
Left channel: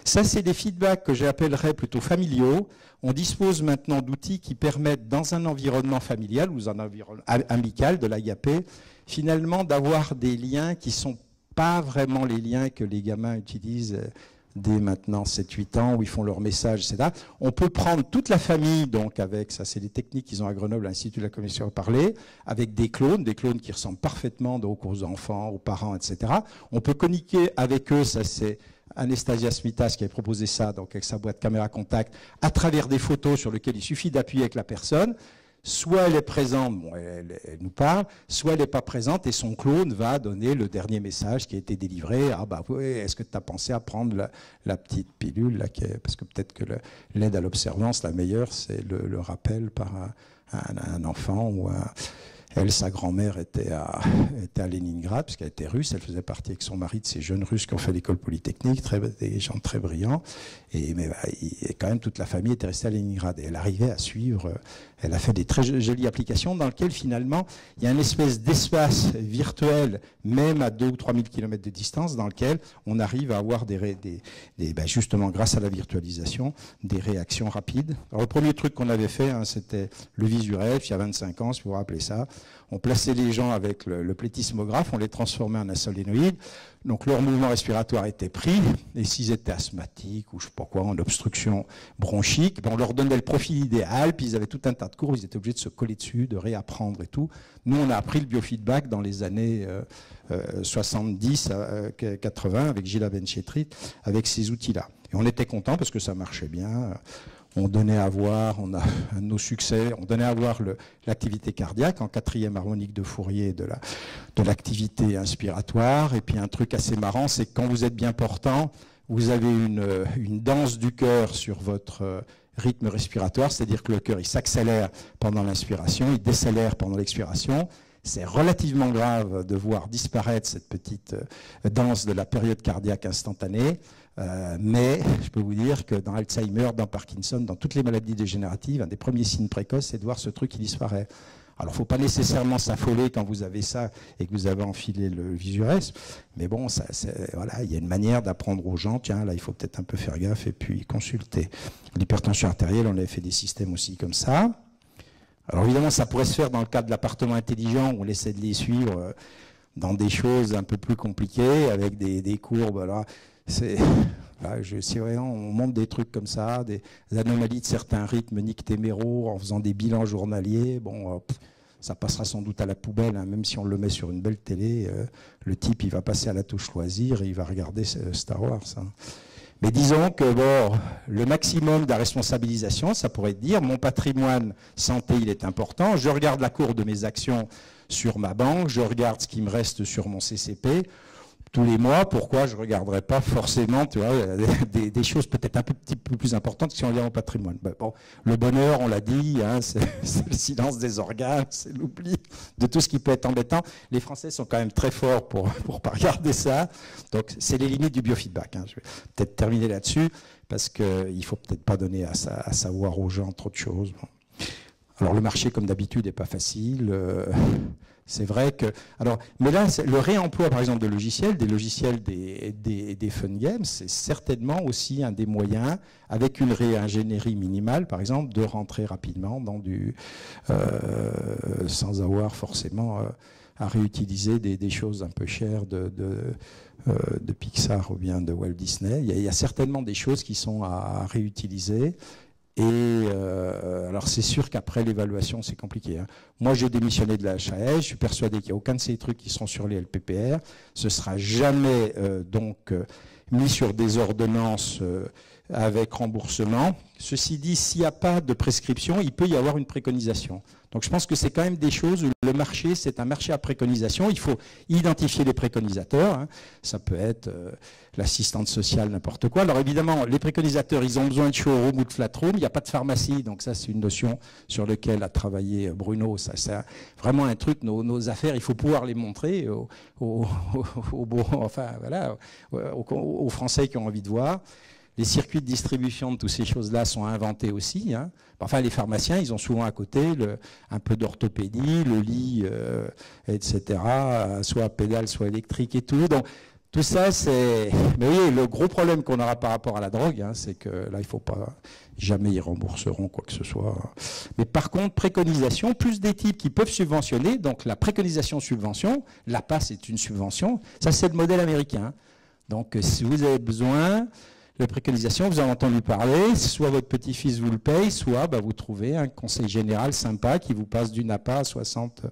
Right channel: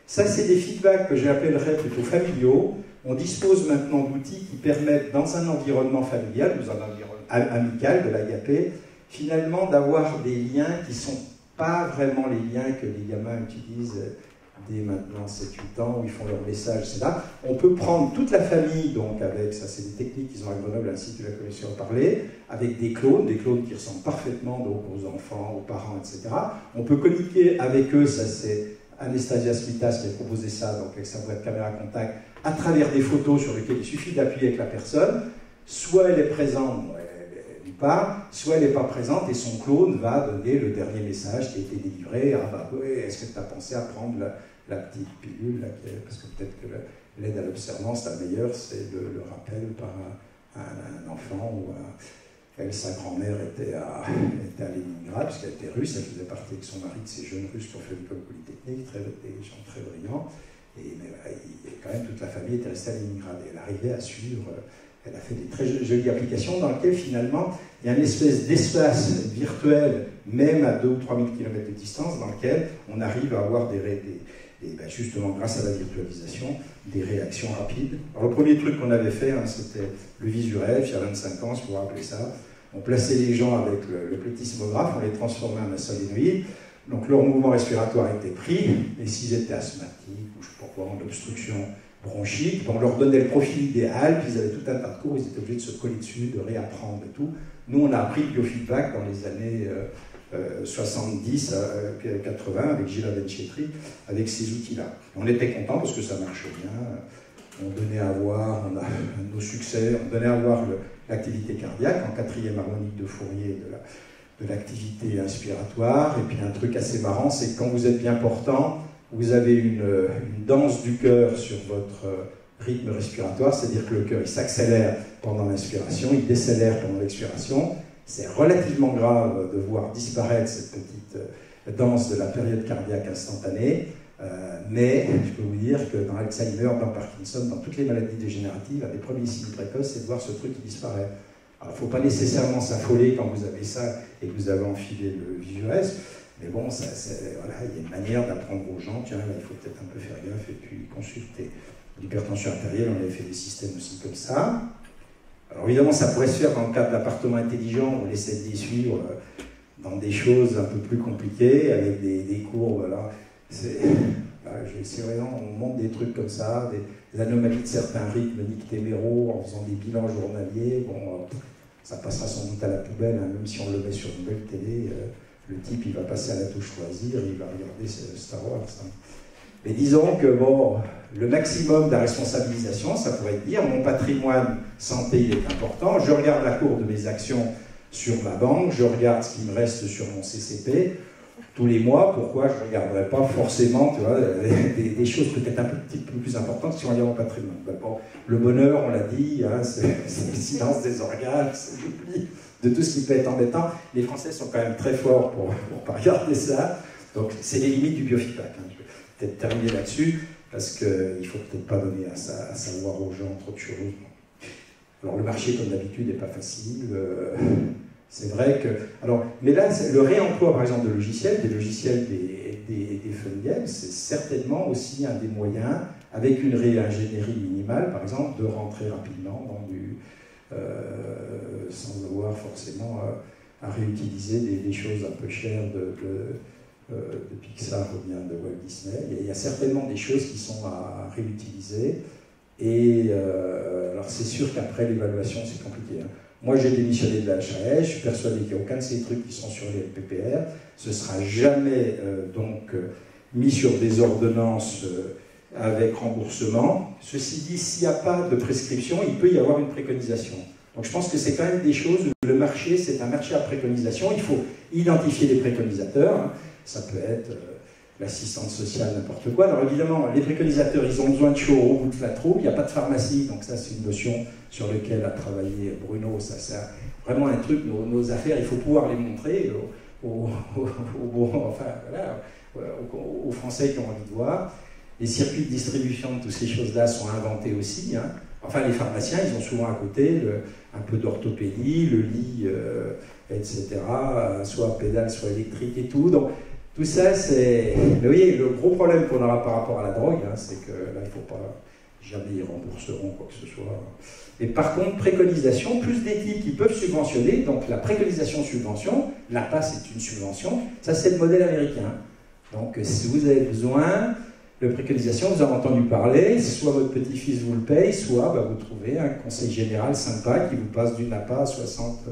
Ça, c'est des feedbacks que j'appellerais plutôt familiaux. On dispose maintenant d'outils qui permettent, dans un environnement familial, ou un environnement amical de l'agapé, finalement d'avoir des liens qui ne sont pas vraiment les liens que les gamins utilisent dès maintenant 7-8 ans, où ils font leur message, c'est là. On peut prendre toute la famille, donc avec, ça c'est des techniques qu'ils ont à Grenoble, l'Institut de la Communication parlée, avec des clones qui ressemblent parfaitement donc, aux enfants, aux parents, etc. On peut communiquer avec eux, ça c'est... Anastasia Smitas qui a proposé ça donc avec sa boîte caméra contact à travers des photos sur lesquelles il suffit d'appuyer avec la personne, soit elle est présente, elle nous parle, soit elle n'est pas présente et son clone va donner le dernier message qui a été délivré. Ah bah oui, est-ce que tu as pensé à prendre la petite pilule là, parce que peut-être que l'aide à l'observance, la meilleure, c'est le rappel par un enfant ou Elle, sa grand-mère était à Leningrad, parce qu'elle était russe, elle faisait partie avec son mari de ces jeunes Russes qui ont fait l'école polytechnique, des gens très brillants, et quand même toute la famille était restée à Leningrad. Et elle arrivait à suivre, elle a fait des très jolies applications dans lesquelles finalement il y a une espèce d'espace virtuel, même à 2 ou 3 000 km de distance, dans lequel on arrive à avoir justement grâce à la virtualisation, des réactions rapides. Alors, le premier truc qu'on avait fait, c'était le Visuref, il y a 25 ans, si vous vous rappelez ça. On plaçait les gens avec le plétismographe, on les transformait en un solénoïde. Donc leur mouvement respiratoire était pris, et s'ils étaient asthmatiques ou je ne sais pas quoi, en obstruction bronchique, on leur donnait le profil idéal, puis ils avaient tout un tas de cours, ils étaient obligés de se coller dessus, de réapprendre et tout. Nous, on a appris le biofeedback dans les années 70, 80, avec Gilles Abenchetri, avec ces outils-là. Et on était contents parce que ça marchait bien. On donnait à voir, on a nos succès, on donnait à voir l'activité cardiaque en 4e harmonique de Fourier de l'activité inspiratoire. Et puis un truc assez marrant, c'est que quand vous êtes bien portant, vous avez une danse du cœur sur votre rythme respiratoire, c'est-à-dire que le cœur il s'accélère pendant l'inspiration, il décélère pendant l'expiration. C'est relativement grave de voir disparaître cette petite danse de la période cardiaque instantanée. Mais je peux vous dire que dans Alzheimer, dans Parkinson, dans toutes les maladies dégénératives, un des premiers signes précoces, c'est de voir ce truc qui disparaît. Alors, il ne faut pas nécessairement s'affoler quand vous avez ça et que vous avez enfilé le Visuref, mais bon, voilà, il y a une manière d'apprendre aux gens, tiens, là, il faut peut-être un peu faire gaffe et puis consulter. L'hypertension artérielle, on avait fait des systèmes aussi comme ça. Alors, évidemment, ça pourrait se faire dans le cadre de l'appartement intelligent, on essaie de les suivre dans des choses un peu plus compliquées, avec des courbes, alors... Si vraiment on monte des trucs comme ça, des anomalies de certains rythmes nictéméraux en faisant des bilans journaliers, bon, ça passera sans doute à la poubelle, hein, même si on le met sur une belle télé, le type, il va passer à la touche choisir et il va regarder Star Wars. Hein. Mais disons que bon, le maximum de la responsabilisation, ça pourrait être dire mon patrimoine santé, il est important, je regarde la cour de mes actions sur ma banque, je regarde ce qui me reste sur mon CCP tous les mois, pourquoi je ne regarderais pas forcément tu vois, des choses peut-être un petit peu plus importantes si on regarde mon patrimoine. Ben bon, le bonheur, on l'a dit, hein, c'est le silence des organes, c'est l'oubli de tout ce qui peut être embêtant. Les Français sont quand même très forts pour ne pas regarder ça. Donc, c'est les limites du biofeedback. Hein. Je vais peut-être terminer là-dessus, parce qu'il ne faut peut-être pas donner à savoir aux gens trop de choses. Alors, le marché, comme d'habitude, n'est pas facile. C'est vrai que... Alors, mais là, le réemploi, par exemple, de logiciels, des logiciels des fun games, c'est certainement aussi un des moyens, avec une réingénierie minimale, par exemple, de rentrer rapidement dans du... sans avoir forcément à réutiliser des choses un peu chères de Pixar ou bien de Walt Disney. Il y a certainement des choses qui sont à réutiliser. Et alors c'est sûr qu'après l'évaluation, c'est compliqué. Hein. Moi, j'ai démissionné de la HAS, je suis persuadé qu'il n'y a aucun de ces trucs qui sont sur les LPPR. Ce ne sera jamais mis sur des ordonnances avec remboursement. Ceci dit, s'il n'y a pas de prescription, il peut y avoir une préconisation. Donc je pense que c'est quand même des choses où le marché, c'est un marché à préconisation. Il faut identifier les préconisateurs. Hein. Ça peut être l'assistante sociale, n'importe quoi. Alors évidemment, les préconisateurs, ils ont besoin de showroom ou de flat-room. Il n'y a pas de pharmacie, donc ça c'est une notion sur laquelle a travaillé Bruno. Ça c'est vraiment un truc, nos affaires, il faut pouvoir les montrer aux Français qui ont envie de voir. Les circuits de distribution de toutes ces choses-là sont inventés aussi. Hein. Enfin, les pharmaciens, ils ont souvent à côté un peu d'orthopédie, le lit, etc., soit pédale, soit électrique et tout. Donc, tout ça, c'est... Oui, le gros problème qu'on aura par rapport à la drogue, hein, c'est que là, il ne faut pas... Jamais ils rembourseront quoi que ce soit. Mais par contre, préconisation, plus des types qui peuvent subventionner, donc la préconisation-subvention, l'APA, c'est une subvention, ça, c'est le modèle américain. Donc, si vous avez besoin... La préconisation, vous en avez entendu parler, soit votre petit-fils vous le paye, soit vous trouvez un conseil général sympa qui vous passe d'une APA à 60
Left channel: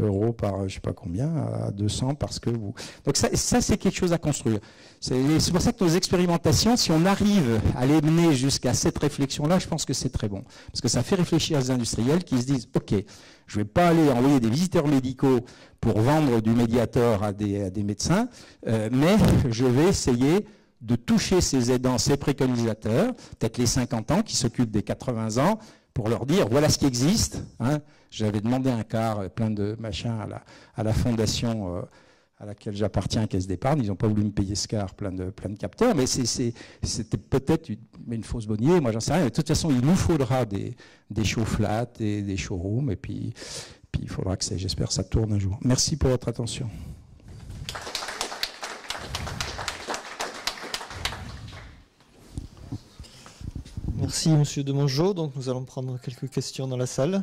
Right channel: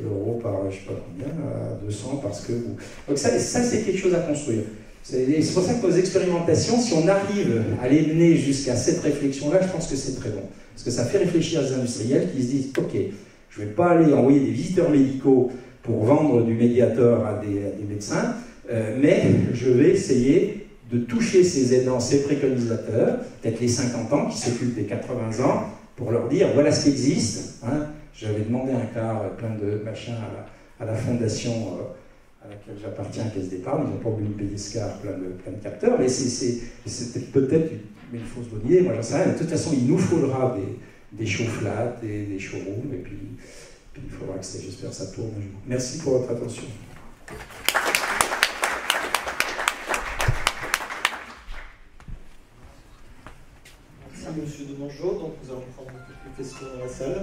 € par je ne sais pas combien, à 200 parce que vous... Donc ça c'est quelque chose à construire. C'est pour ça que nos expérimentations, si on arrive à les mener jusqu'à cette réflexion-là, je pense que c'est très bon. Parce que ça fait réfléchir les industriels qui se disent « Ok, je ne vais pas aller envoyer des visiteurs médicaux pour vendre du médiateur à des médecins, mais je vais essayer... de toucher ces aidants, ces préconisateurs, peut-être les 50 ans qui s'occupent des 80 ans, pour leur dire voilà ce qui existe. Hein. J'avais demandé un quart plein de machins à la fondation à laquelle j'appartiens, Caisse d'épargne. Ils n'ont pas voulu me payer ce quart plein de capteurs, mais c'était peut-être une fausse bonne idée, moi j'en sais rien. De toute façon, il nous faudra des show flats et des showrooms, et puis il faudra que j'espère ça tourne un jour. Merci pour votre attention. Merci Monsieur Demangeot. Donc nous allons prendre quelques questions dans la salle.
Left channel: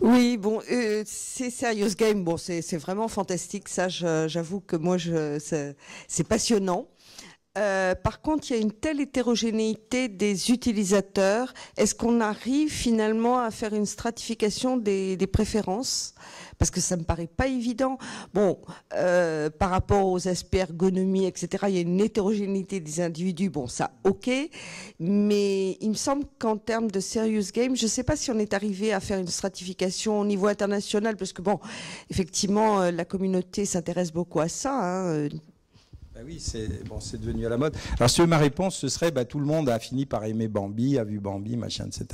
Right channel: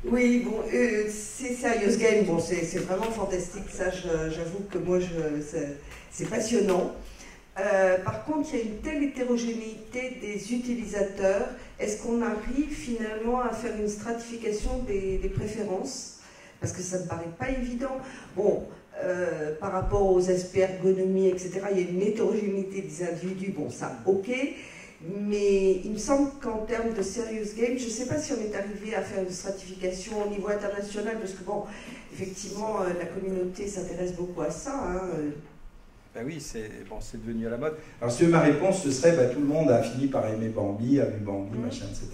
Oui, bon, c'est Serious Game, bon, c'est vraiment fantastique, ça, j'avoue que moi, c'est passionnant. Par contre, il y a une telle hétérogénéité des utilisateurs. Est-ce qu'on arrive finalement à faire une stratification des préférences ? Parce que ça ne me paraît pas évident. Bon, par rapport aux aspects ergonomie, etc., il y a une hétérogénéité des individus, bon, ça, ok. Mais il me semble qu'en termes de serious game, je ne sais pas si on est arrivé à faire une stratification au niveau international, parce que, bon, effectivement, la communauté s'intéresse beaucoup à ça, hein. Ben oui, c'est devenu à la mode. Alors, si ma réponse, ce serait, tout le monde a fini par aimer Bambi, a vu Bambi, machin, etc.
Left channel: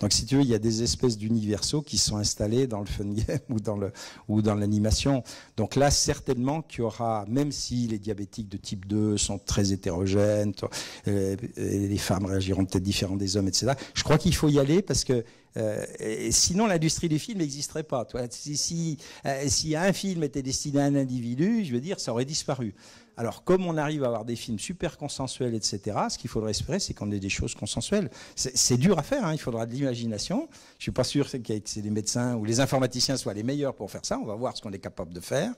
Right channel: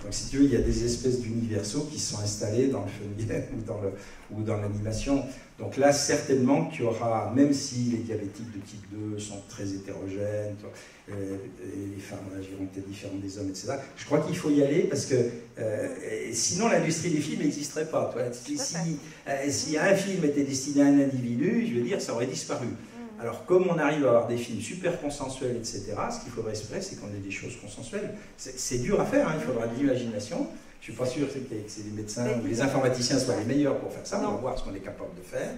Donc, si tu veux, il y a des espèces d'universaux qui se sont installés dans le fun game ou dans l'animation. Donc là, certainement qu'il y aura, même si les diabétiques de type 2 sont très hétérogènes, les femmes réagiront peut-être différemment des hommes, etc. Je crois qu'il faut y aller parce que sinon l'industrie du film n'existerait pas. Si un film était destiné à un individu, je veux dire, ça aurait disparu. Alors, comme on arrive à avoir des films super consensuels, etc., ce qu'il faudrait espérer, c'est qu'on ait des choses consensuelles. C'est dur à faire, hein, il faudra de l'imagination. Je ne suis pas sûr que les médecins ou les informaticiens soient les meilleurs pour faire ça. On va voir ce qu'on est capable de faire.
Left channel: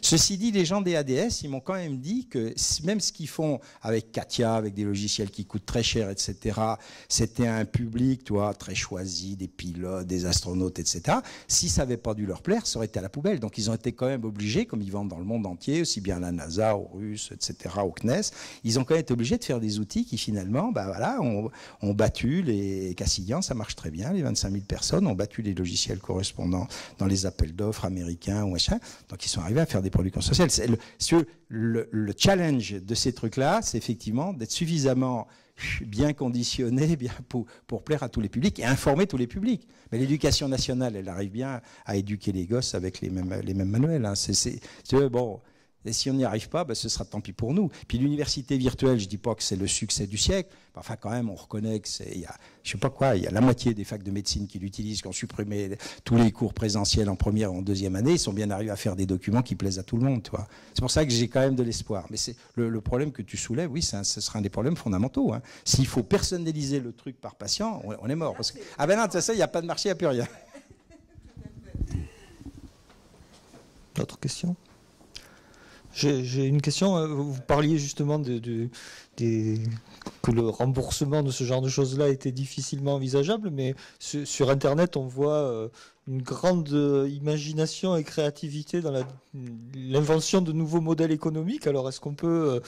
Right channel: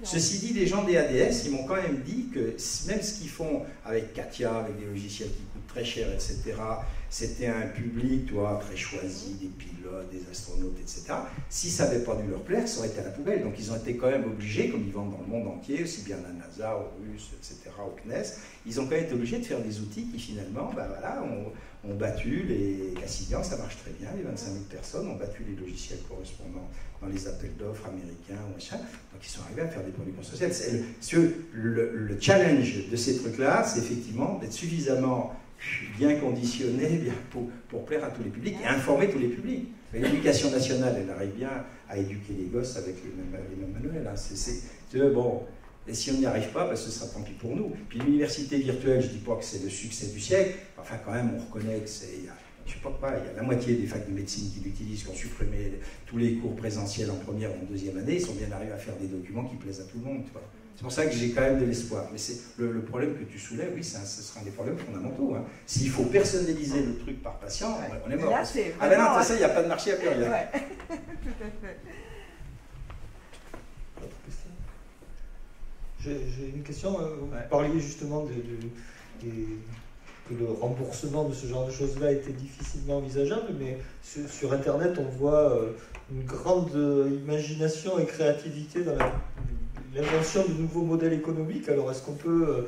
Ceci dit, les gens des ADS, ils m'ont quand même dit que même ce qu'ils font avec Katia, avec des logiciels qui coûtent très cher, etc., c'était un public, tu vois, très choisi, des pilotes, des astronautes, etc. Si ça n'avait pas dû leur plaire, ça aurait été à la poubelle. Donc ils ont été quand même obligés, comme ils vendent dans le monde entier, aussi bien à la NASA, aux Russes, etc., au CNES, ils ont quand même été obligés de faire des outils qui finalement, ben voilà, ont battu les Cassidian, ça marche très bien, les 25 000 personnes ont battu les logiciels correspondants dans les appels d'offres américains ou machin, donc ils sont arrivés à faire des produits consensuels. Le challenge de ces trucs-là, c'est effectivement d'être suffisamment bien conditionné pour plaire à tous les publics et informer tous les publics. Mais l'éducation nationale, elle arrive bien à éduquer les gosses avec les mêmes manuels. Hein. Bon, et si on n'y arrive pas, ben ce sera tant pis pour nous. Puis l'université virtuelle, je ne dis pas que c'est le succès du siècle, enfin quand même on reconnaît que c'est... Je sais pas quoi, il y a la moitié des facs de médecine qui l'utilisent, qui ont supprimé tous les cours présentiels en première ou en deuxième année, ils sont bien arrivés à faire des documents qui plaisent à tout le monde. Tu vois. C'est pour ça que j'ai quand même de l'espoir. Mais c'est le problème que tu soulèves, oui, ce sera un des problèmes fondamentaux. Hein. S'il faut personnaliser le truc par patient, on est mort. Là, ah ben non, tu sais, il n'y a pas de marché, il n'y a plus rien. Ouais. Tout à fait. D'autres questions? J'ai une question. Vous parliez justement que le remboursement de ce genre de choses-là était difficilement envisageable, mais sur Internet, on voit une grande imagination et créativité dans l'invention de nouveaux modèles économiques. Alors, est-ce qu'on peut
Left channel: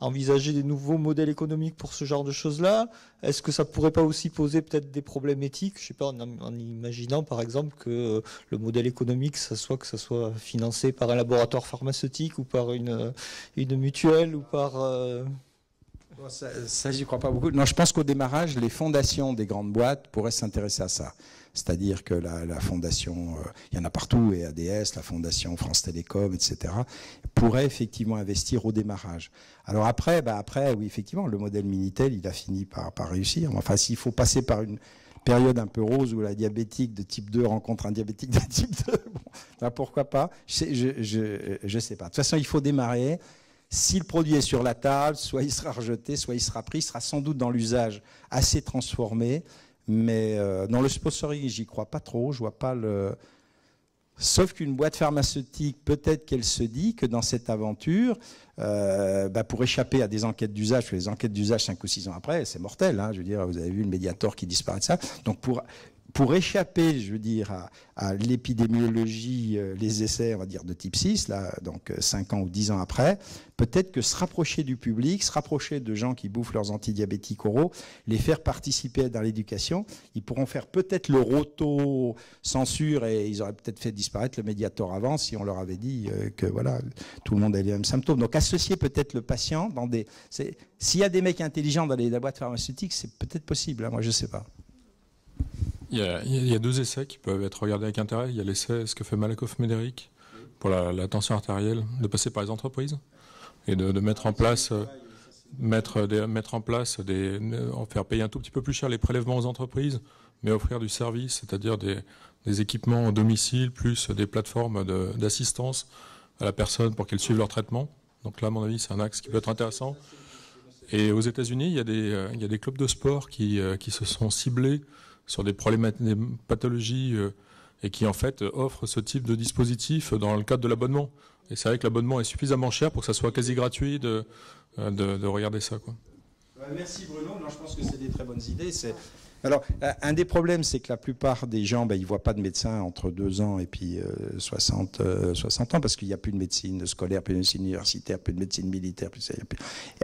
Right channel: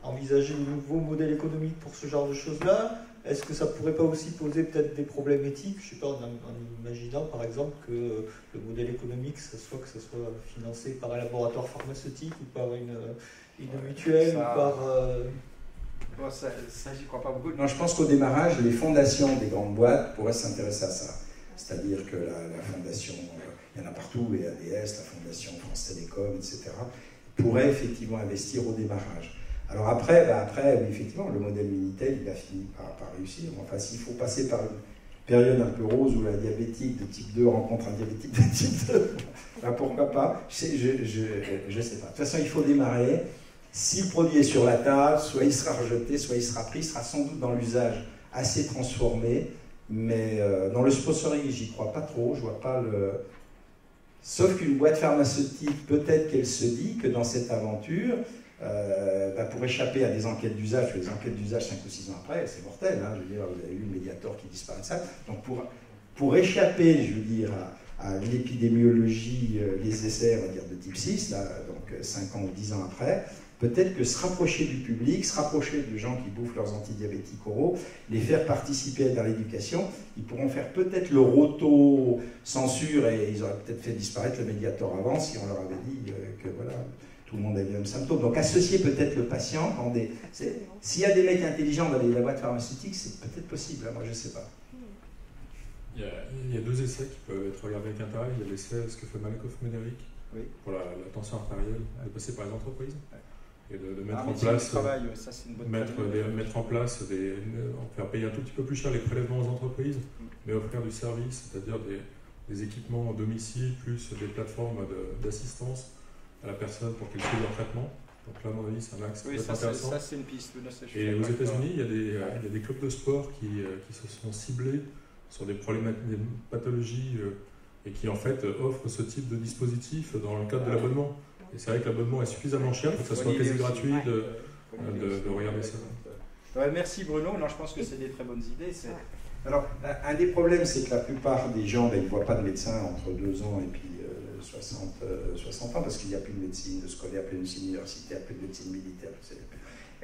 envisager de nouveaux modèles économiques pour ce genre de choses-là? Est-ce que ça ne pourrait pas aussi poser peut-être des problèmes éthiques? Je ne sais pas, en imaginant par exemple que le modèle économique, que ça soit financé par un laboratoire pharmaceutique ou par une mutuelle ou par... Ça, j'y crois pas beaucoup. Non, je pense qu'au démarrage, les fondations des grandes boîtes pourraient s'intéresser à ça. C'est-à-dire que la fondation, il y en a partout, et ADS, la fondation France Télécom, etc., pourrait effectivement investir au démarrage. Alors après, oui, effectivement, le modèle Minitel, il a fini par réussir. Enfin, s'il faut passer par une période un peu rose où la diabétique de type 2 rencontre un diabétique de type 2, ben pourquoi pas? Je sais pas. De toute façon, il faut démarrer. Si le produit est sur la table, soit il sera rejeté, soit il sera pris, il sera sans doute dans l'usage assez transformé, mais dans le sponsoring, j'y crois pas trop, je vois pas le... Sauf qu'une boîte pharmaceutique, peut-être qu'elle se dit que dans cette aventure, pour échapper à des enquêtes d'usage, parce que les enquêtes d'usage 5 ou 6 ans après, c'est mortel, hein, je veux dire, vous avez vu le Mediator qui disparaît de ça, donc pour échapper, je veux dire, à l'épidémiologie, les essais, on va dire, de type 6, là, donc 5 ans ou 10 ans après, peut-être que se rapprocher du public, se rapprocher de gens qui bouffent leurs antidiabétiques oraux, les faire participer dans l'éducation, ils pourront faire peut-être leur auto-censure et ils auraient peut-être fait disparaître le Mediator avant si on leur avait dit que voilà, tout le monde a les mêmes symptômes. Donc associer peut-être le patient dans des... S'il y a des mecs intelligents dans les boîtes pharmaceutiques, c'est peut-être possible, hein, moi je ne sais pas. Il y a 2 essais qui peuvent être regardés avec intérêt. Il y a l'essai, ce que fait Malakoff-Médéric pour la tension artérielle, de passer par les entreprises et de mettre en place, faire payer un tout petit peu plus cher les prélèvements aux entreprises, mais offrir du service, c'est-à-dire des équipements au domicile, plus des plateformes d'assistance à la personne pour qu'elle suive leur traitement. Donc là, à mon avis, c'est un axe qui peut être intéressant. Et aux États-Unis, il y a des clubs de sport qui se sont ciblés sur des pathologies et qui en fait offrent ce type de dispositif dans le cadre de l'abonnement. Et c'est vrai que l'abonnement est suffisamment cher pour que ça soit quasi gratuit de regarder ça. Quoi. Ouais, merci Bruno, non, je pense que c'est des très bonnes idées. Alors, un des problèmes, c'est que la plupart des gens, ils ne voient pas de médecin entre 2 ans et puis 60 ans, parce qu'il n'y a plus de médecine scolaire, plus de médecine universitaire, plus de médecine militaire.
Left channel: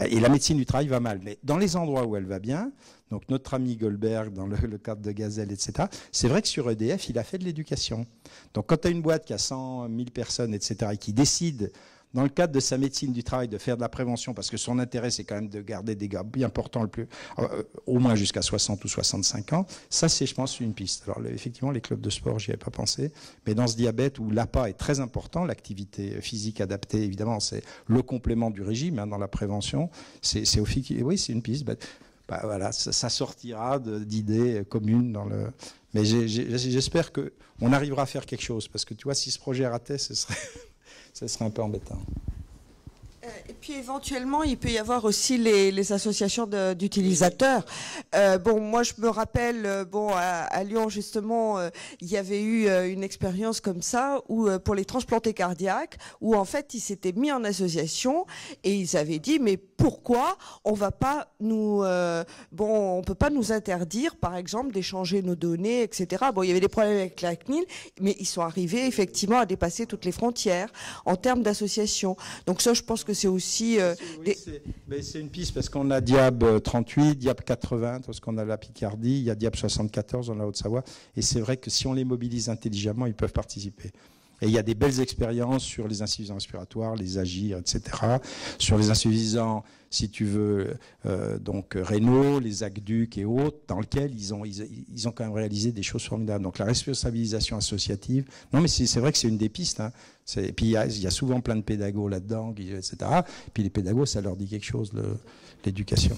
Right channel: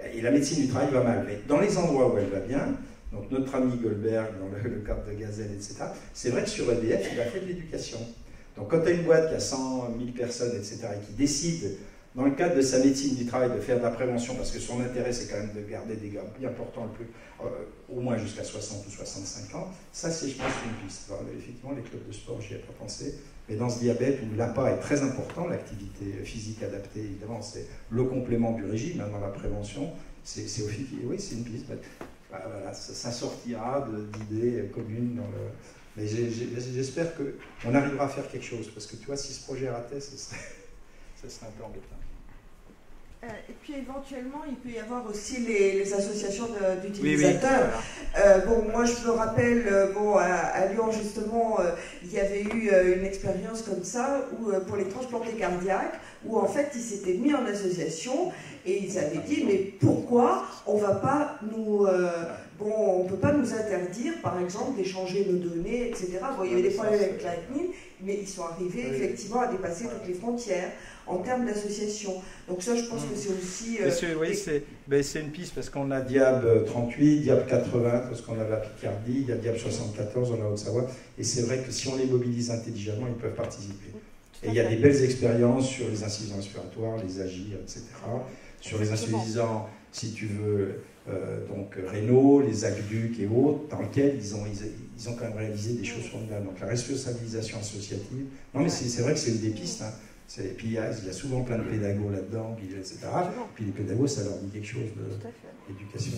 Et la médecine du travail va mal. Mais dans les endroits où elle va bien, donc notre ami Goldberg, dans le cadre de Gazelle, etc., c'est vrai que sur EDF, il a fait de l'éducation. Donc quand tu as une boîte qui a 100 000 personnes, etc., et qui décide, dans le cadre de sa médecine du travail, de faire de la prévention, parce que son intérêt, c'est quand même de garder des gars bien portants, au moins jusqu'à 60 ou 65 ans, ça, c'est, je pense, une piste. Alors, effectivement, les clubs de sport, j'y avais pas pensé, mais dans ce diabète où l'APA est très important, l'activité physique adaptée, évidemment, c'est le complément du régime, hein, dans la prévention, oui, c'est une piste. Voilà, ça sortira d'idées communes dans le... Mais j'espère qu'on arrivera à faire quelque chose, parce que tu vois, si ce projet ratait, ce serait un peu embêtant. Et puis éventuellement, il peut y avoir aussi les associations d'utilisateurs. Bon, moi je me rappelle, à Lyon justement, il y avait eu une expérience comme ça où pour les transplantés cardiaques, où en fait ils s'étaient mis en association et ils avaient dit mais pourquoi on va pas nous on peut pas nous interdire, par exemple, d'échanger nos données, etc. Bon, il y avait des problèmes avec la CNIL, mais ils sont arrivés effectivement à dépasser toutes les frontières en termes d'association. Donc ça, je pense que c'est aussi... c'est une piste, parce qu'on a Diab 38, Diab 80, parce qu'on a la Picardie, il y a Diab 74, on a Haute-Savoie, et c'est vrai que si on les mobilise intelligemment, ils peuvent participer. Et il y a des belles expériences sur les insuffisants respiratoires, les AGIR, etc., sur les insuffisants, si tu veux, donc rénaux, les aqueducs et autres, dans lesquels ils ont quand même réalisé des choses formidables. Donc la responsabilisation associative, non mais c'est vrai que c'est une des pistes, hein. Et puis il y a souvent plein de pédagogues là-dedans, etc. Puis les pédagogues, ça leur dit quelque chose, l'éducation.